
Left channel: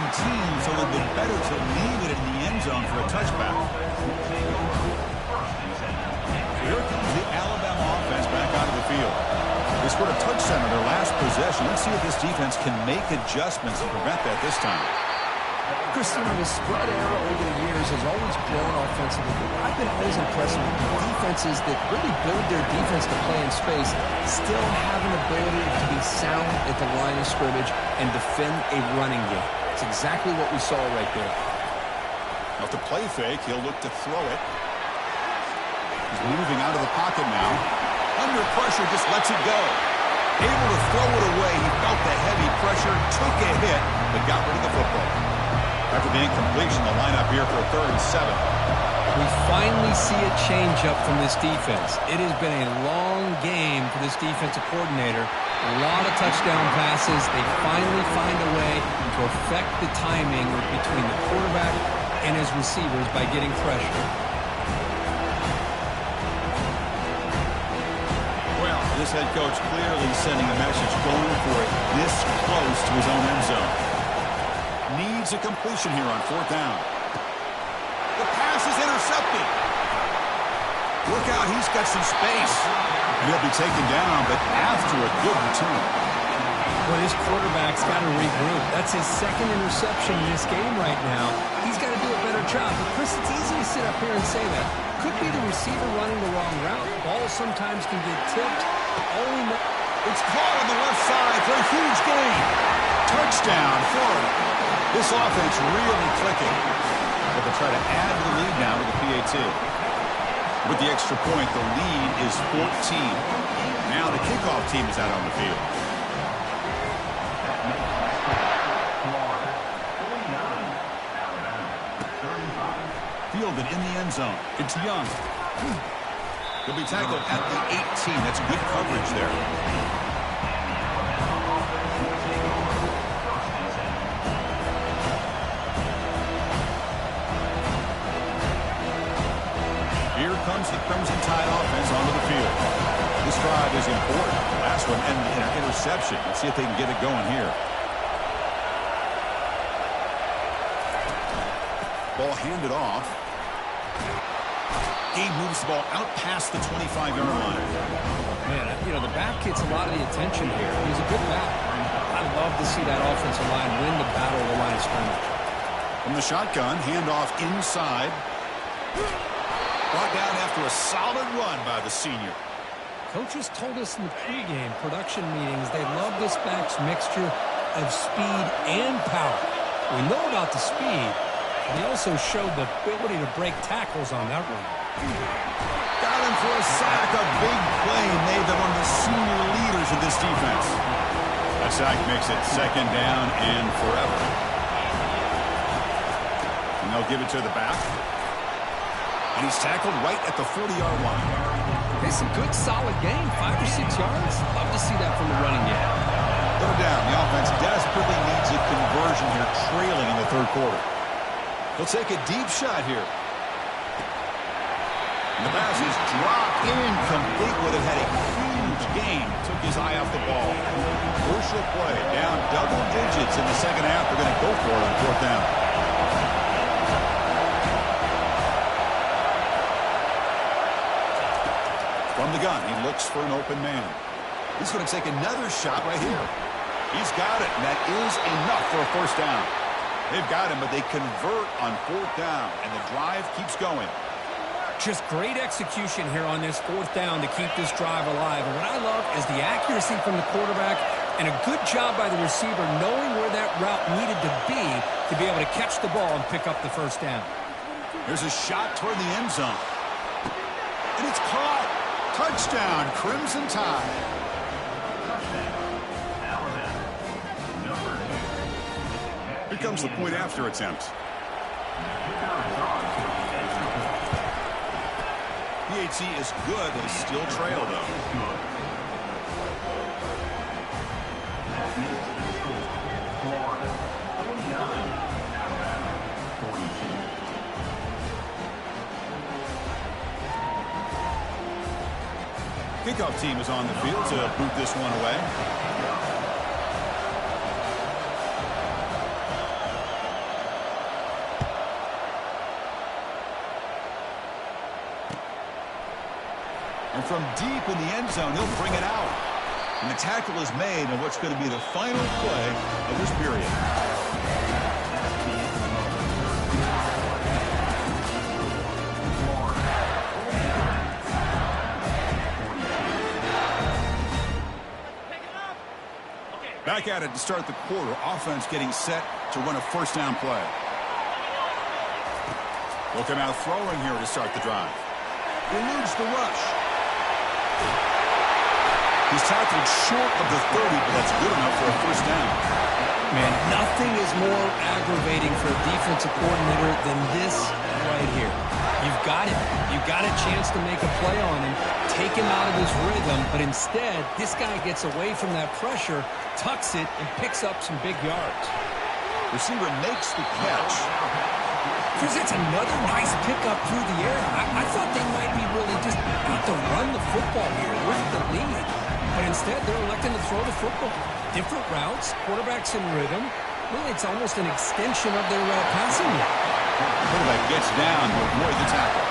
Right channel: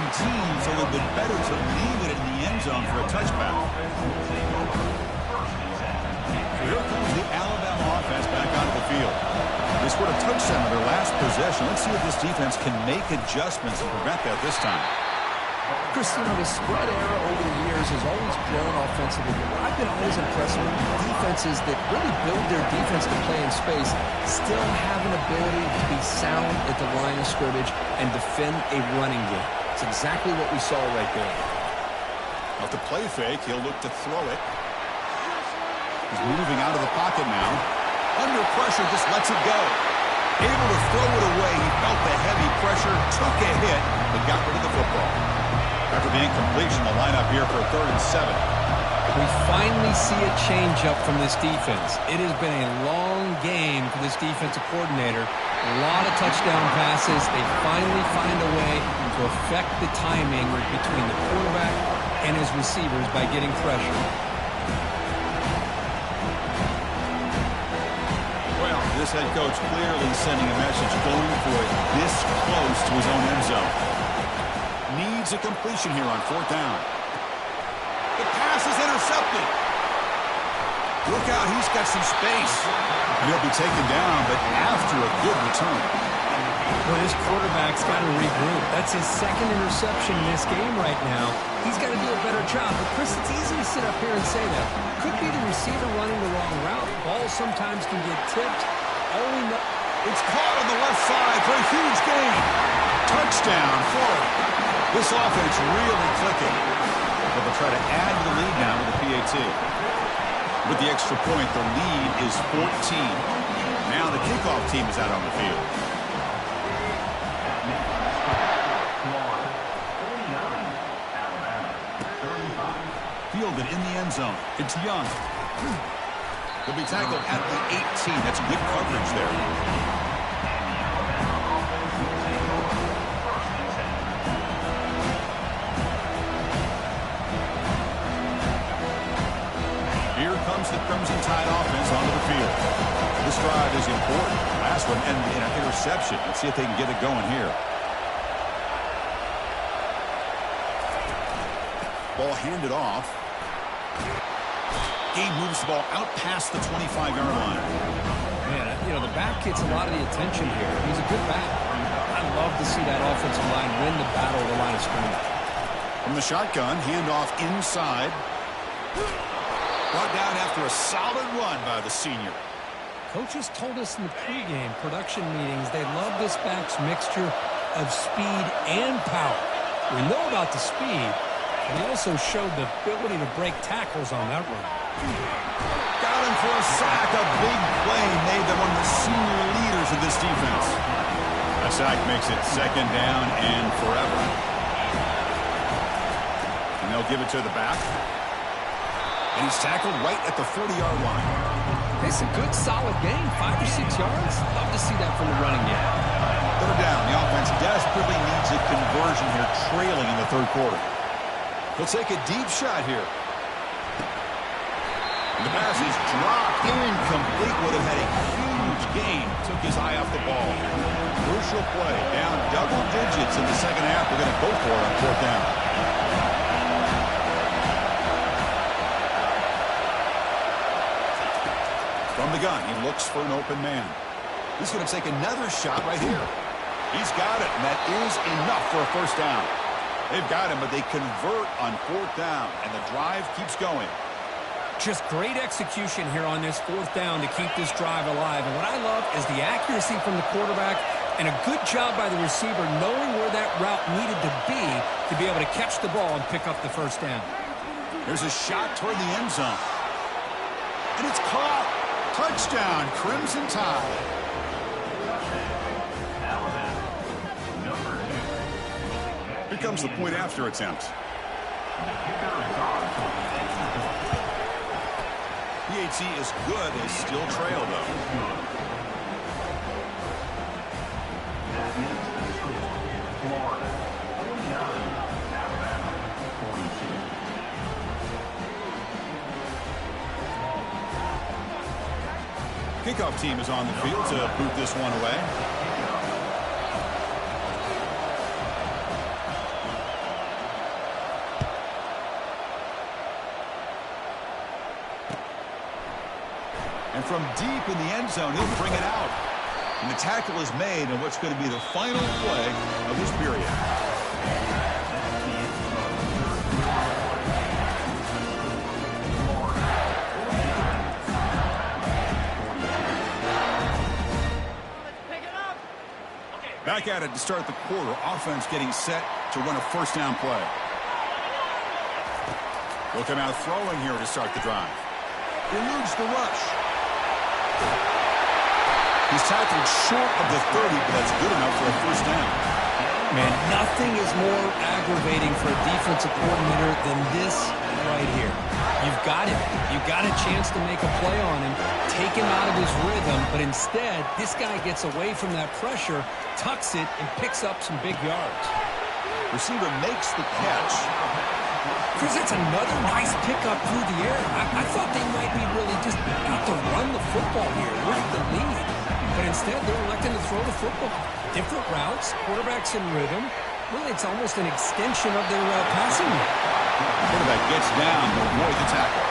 so it would have been better to leave it in the end zone for a touchback. So here comes the Alabama offense back onto the field. They scored a touchdown in their last possession. Let's see if this defense can make adjustments to prevent that this time. Chris, you know, the spread era over the years has always grown offensively, but what I've been always impressed with defenses that really build their defense to play in space still have an ability to be sound at the line of scrimmage and defend a running game. It's exactly what we saw right there. Now, to play fake, he'll look to throw it. He's moving out of the pocket now. Under pressure, just lets it go. Able to throw it away. He felt the heavy pressure, took a hit, but got rid of the football. After the incompletion, the lineup here for a 3rd and 7. We finally see a change up from this defense. It has been a long game for this defensive coordinator. A lot of touchdown passes. They finally find a way to affect the timing between the quarterback and his receivers by getting pressure. Well, this head coach clearly sending a message, going for it this close to his own end zone. Needs a completion here on 4th down. The pass is intercepted. Look out, he's got some space. And he'll be taken down, but after a good return. Well, this quarterback's got to regroup. That's his 2nd interception in this game right now. He's got to do a better job. But, Chris, it's easy to sit up here and say that. Could be the receiver running the wrong route. Balls sometimes can get tipped. All we know, it's caught on the left side for a huge gain. Touchdown, Florida. This offense really clicking. But they'll try to add to the lead now with the PAT. With the extra point, the lead is 14. Now the kickoff team is out on the field. Fielded in the end zone. It's Young. He'll be tackled at the 18. That's good coverage there. Here comes the Crimson Tide offense onto the field. This drive is important. Last one ended in an interception. Let's see if they can get it going here. Ball handed off. Gabe moves the ball out past the 25-yard line. man, you know, the back gets a lot of the attention here. He's a good back. I love to see that offensive line win the battle of the line of scrimmage. From the shotgun, handoff inside. Brought down after a solid run by the senior. Coaches told us in the pregame production meetings they love this back's mixture of speed and power. We know about the speed, but he also showed the ability to break tackles on that run. Got him for a sack. A big play made them one of the senior leaders of this defense. That sack makes it second down and forever. And they'll give it to the back. And he's tackled right at the 40-yard line. It's a good, solid game, 5 or 6 yards. Love to see that from the running game. Third down. The offense desperately needs a conversion here, trailing in the third quarter. He'll take a deep shot here. And the pass is dropped. Incomplete. Would have had a huge gain. Took his eye off the ball. Crucial play. Down double digits in the second half. They're going to go for it on fourth down. From the gun, he looks for an open man. He's going to take another shot right here. He's got it, and that is enough for a first down. They've got him, but they convert on fourth down, and the drive keeps going. Just great execution here on this fourth down to keep this drive alive. And what I love is the accuracy from the quarterback and a good job by the receiver knowing where that route needed to be able to catch the ball and pick up the first down. There's a shot toward the end zone. And it's caught. Touchdown, Crimson Tide. Here comes the point after attempt. PAT is good. They still trail, though. That makes the score. Florida 49, Alabama 42. Kickoff team is on the field to boot this one away. And from deep in the end zone, he'll bring it out. And the tackle is made on what's going to be the final play of this period. Back at it to start the quarter. Offense getting set to run a first down play. They'll come out throwing here to start the drive. Eludes the rush. He's tackled short of the 30, but that's good enough for a first down. Man, nothing is more aggravating for a defensive coordinator than this right here. You've got him. You've got a chance to make a play on him, take him out of his rhythm, but instead, this guy gets away from that pressure, tucks it, and picks up some big yards. Receiver makes the catch. Chris, that's another nice pickup through the air. I thought they might be really just out to run the football here with the lead. But instead, they're electing to throw the football. Different routes, quarterbacks in rhythm. Really, it's almost an extension of their passing game. Quarterback gets down to avoid the tackle.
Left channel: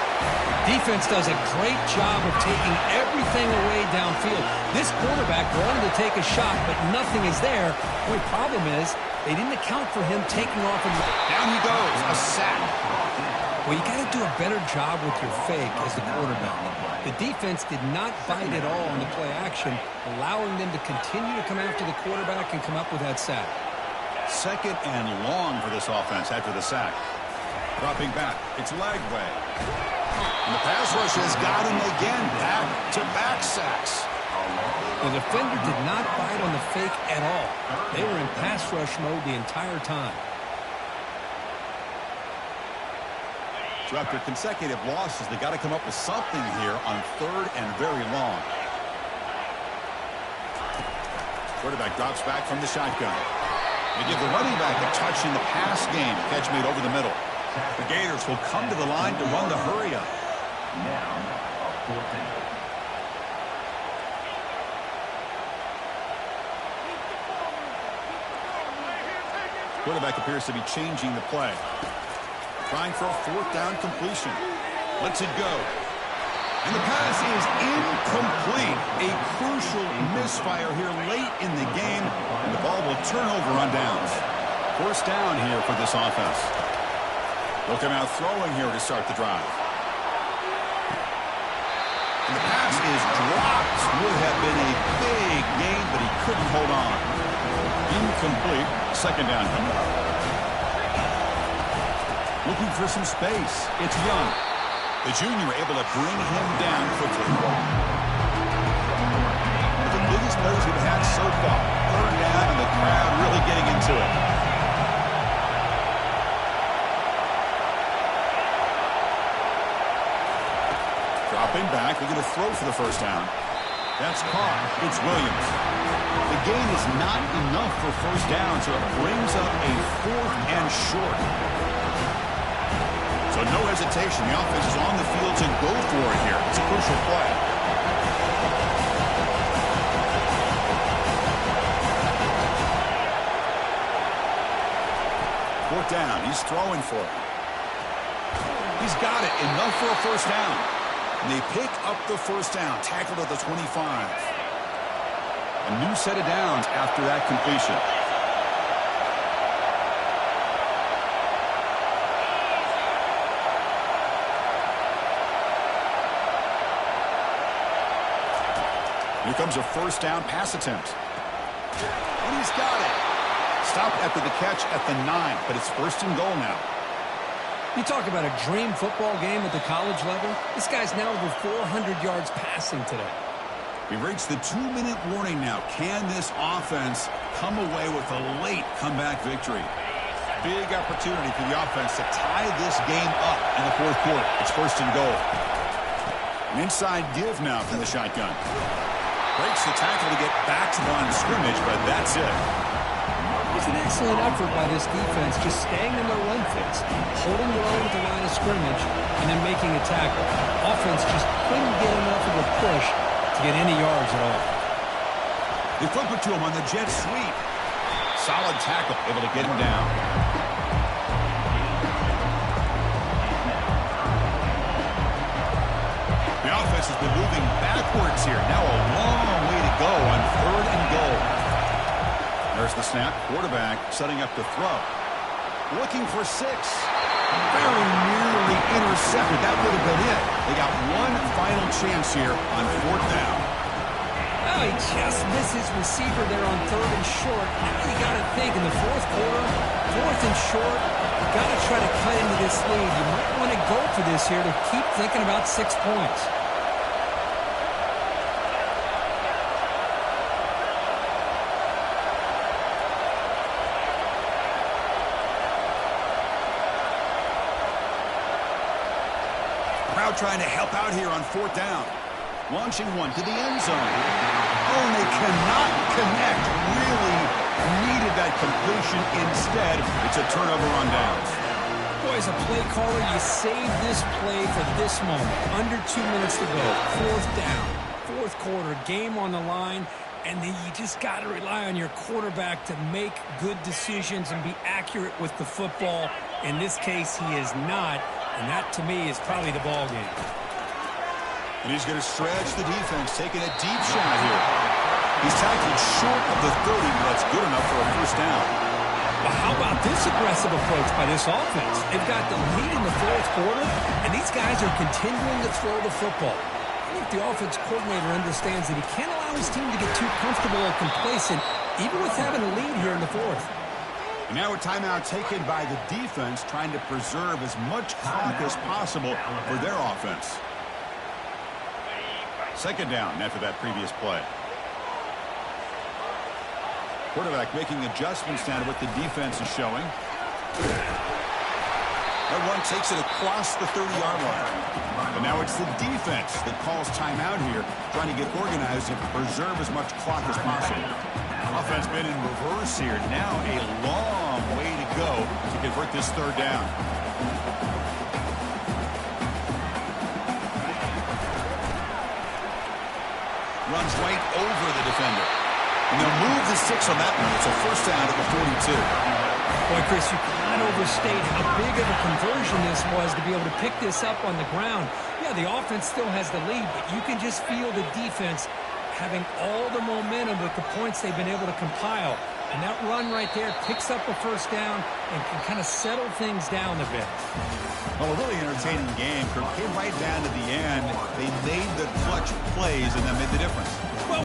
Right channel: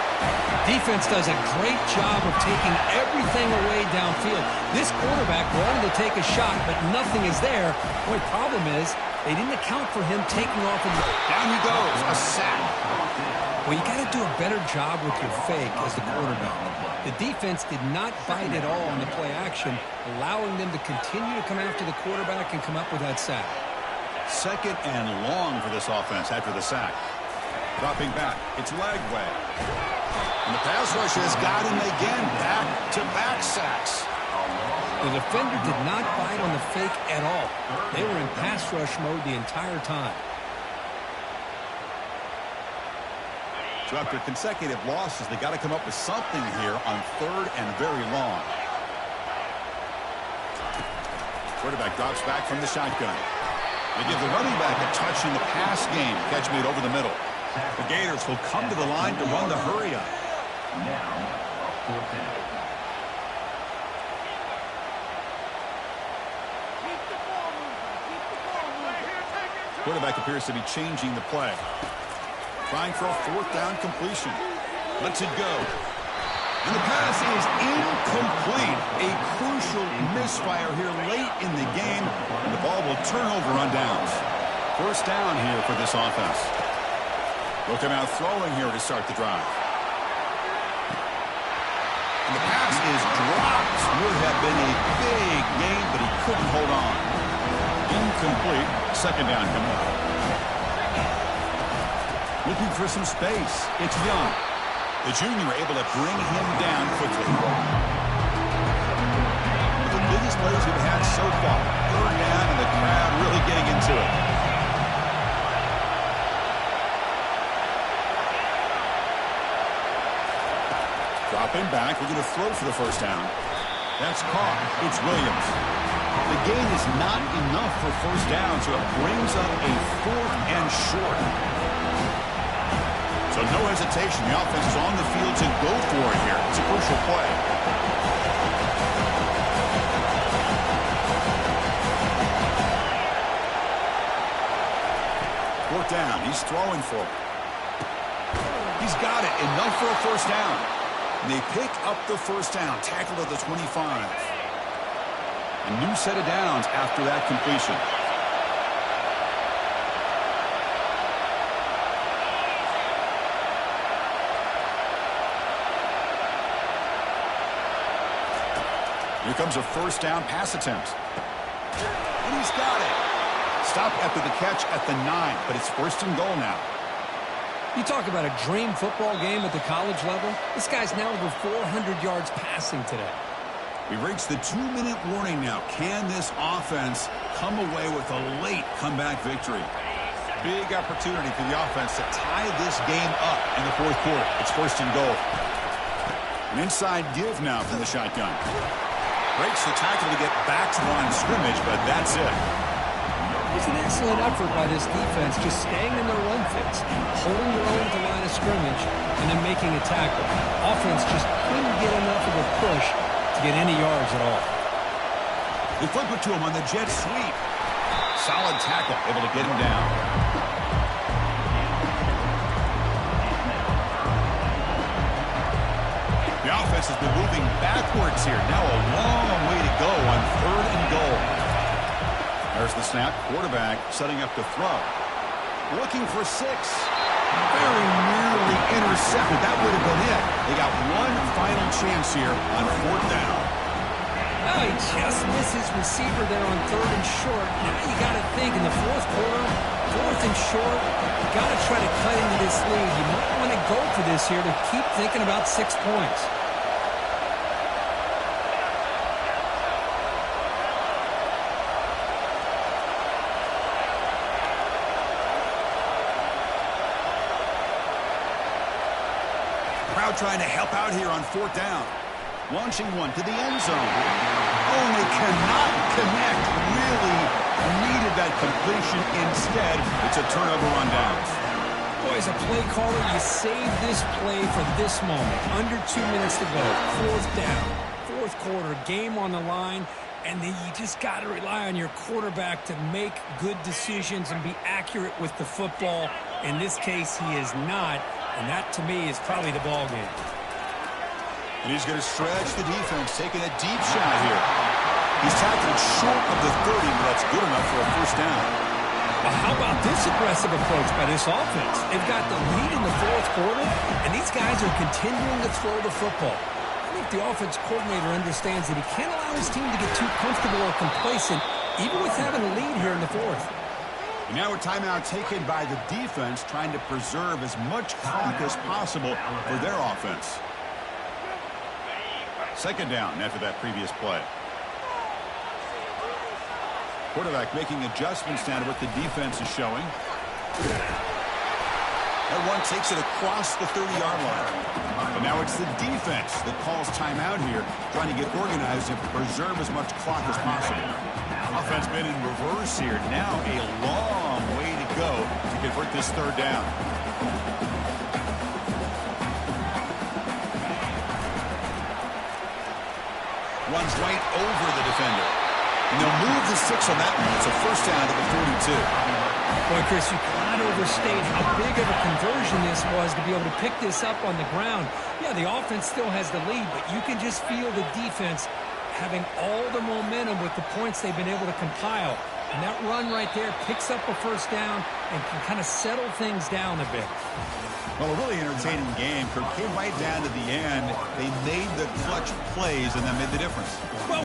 Defense does a great job of taking everything away downfield. This quarterback wanted to take a shot, but nothing is there. The only problem is they didn't account for him taking off. Down he goes, a sack. Well, you got to do a better job with your fake as the quarterback. The defense did not bite at all on the play action, allowing them to continue to come after the quarterback and come up with that sack. 2nd and long for this offense after the sack. Dropping back, it's Lagway. And the pass rush has got him again. Back-to-back sacks. The defender did not bite on the fake at all. They were in pass rush mode the entire time. So after consecutive losses, they got to come up with something here on 3rd and very long. Quarterback drops back from the shotgun. They give the running back a touch in the pass game. Catch made over the middle. The Gators will come to the line to run the hurry-up. Now, a 4th down. Quarterback appears to be changing the play. Trying for a 4th down completion. Lets it go. And the pass is incomplete. A crucial misfire here late in the game. And the ball will turn over on downs. 1st down here for this offense. They'll come out throwing here to start the drive. And the pass is dropped. Would have been a big gain, but he couldn't hold on. Incomplete. 2nd down coming up. Looking for some space. It's Young. The junior able to bring him down quickly. One of the biggest plays we've had so far. 3rd down and the crowd really getting into it. Dropping back, looking to throw for the 1st down. That's caught. It's Williams. The gain is not enough for 1st down, so it brings up a 4th and short. So no hesitation. The offense is on the field to go for it here. It's a crucial play. Fourth down. He's throwing for it. He's got it. Enough for a 1st down. And they pick up the 1st down. Tackled at the 25. A new set of downs after that completion. Here comes a 1st down pass attempt. And he's got it. Stopped after the catch at the 9, but it's 1st and goal now. You talk about a dream football game at the college level. This guy's now over 400 yards passing today. We've reached the 2-minute warning now. Can this offense come away with a late comeback victory? Big opportunity for the offense to tie this game up in the 4th quarter. It's 1st and goal. An inside give now from the shotgun. Breaks the tackle to get back to the line of scrimmage, but that's it. It's an excellent effort by this defense, just staying in their run fits, holding their own at the line of scrimmage, and then making a tackle. Offense just couldn't get enough of a push to get any yards at all. They flip it to him on the jet sweep. Solid tackle, able to get him down. The offense has been moving backwards here. Now a long way to go on 3rd and goal. There's the snap. Quarterback setting up to throw. Looking for 6. Very nearly intercepted. That would have been it. They got one final chance here on 4th down. Well, he just missed his receiver there on 3rd and short. Now you got to think in the 4th quarter, 4th and short, got to try to cut into this lead. You might want to go for this here to keep thinking about 6 points. Crowd trying to help out here on 4th down. Launching one to the end zone. Oh, and they cannot connect. Really needed that completion. Instead, it's a turnover on downs. Boy, as a play caller, you save this play for this moment. Under 2 minutes to go. 4th down. 4th quarter. Game on the line. And then you just got to rely on your quarterback to make good decisions and be accurate with the football. In this case, he is not. And that, to me, is probably the ball game. And he's going to stretch the defense, taking a deep shot here. He's tackled short of the 30, but that's good enough for a first down. Well, how about this aggressive approach by this offense? They've got the lead in the 4th quarter, and these guys are continuing to throw the football. I think the offense coordinator understands that he can't allow his team to get too comfortable or complacent, even with having a lead here in the 4th. And now a timeout taken by the defense, trying to preserve as much clock as possible for their offense. 2nd down after that previous play. Quarterback making adjustments down to what the defense is showing. That run takes it across the 30-yard line. But now it's the defense that calls timeout here, trying to get organized and preserve as much clock as possible. Offense been in reverse here. Now a long way to go to convert this 3rd down. Runs right over the defender. And they'll move the 6 on that one. It's a first down at the 42. Boy, Chris, you cannot overstate how big of a conversion this was to be able to pick this up on the ground. Yeah, the offense still has the lead, but you can just feel the defense having all the momentum with the points they've been able to compile. And that run right there picks up a first down and can kind of settle things down a bit. Well, a really entertaining game. Came right down to the end. They made the clutch plays and that made the difference. Well,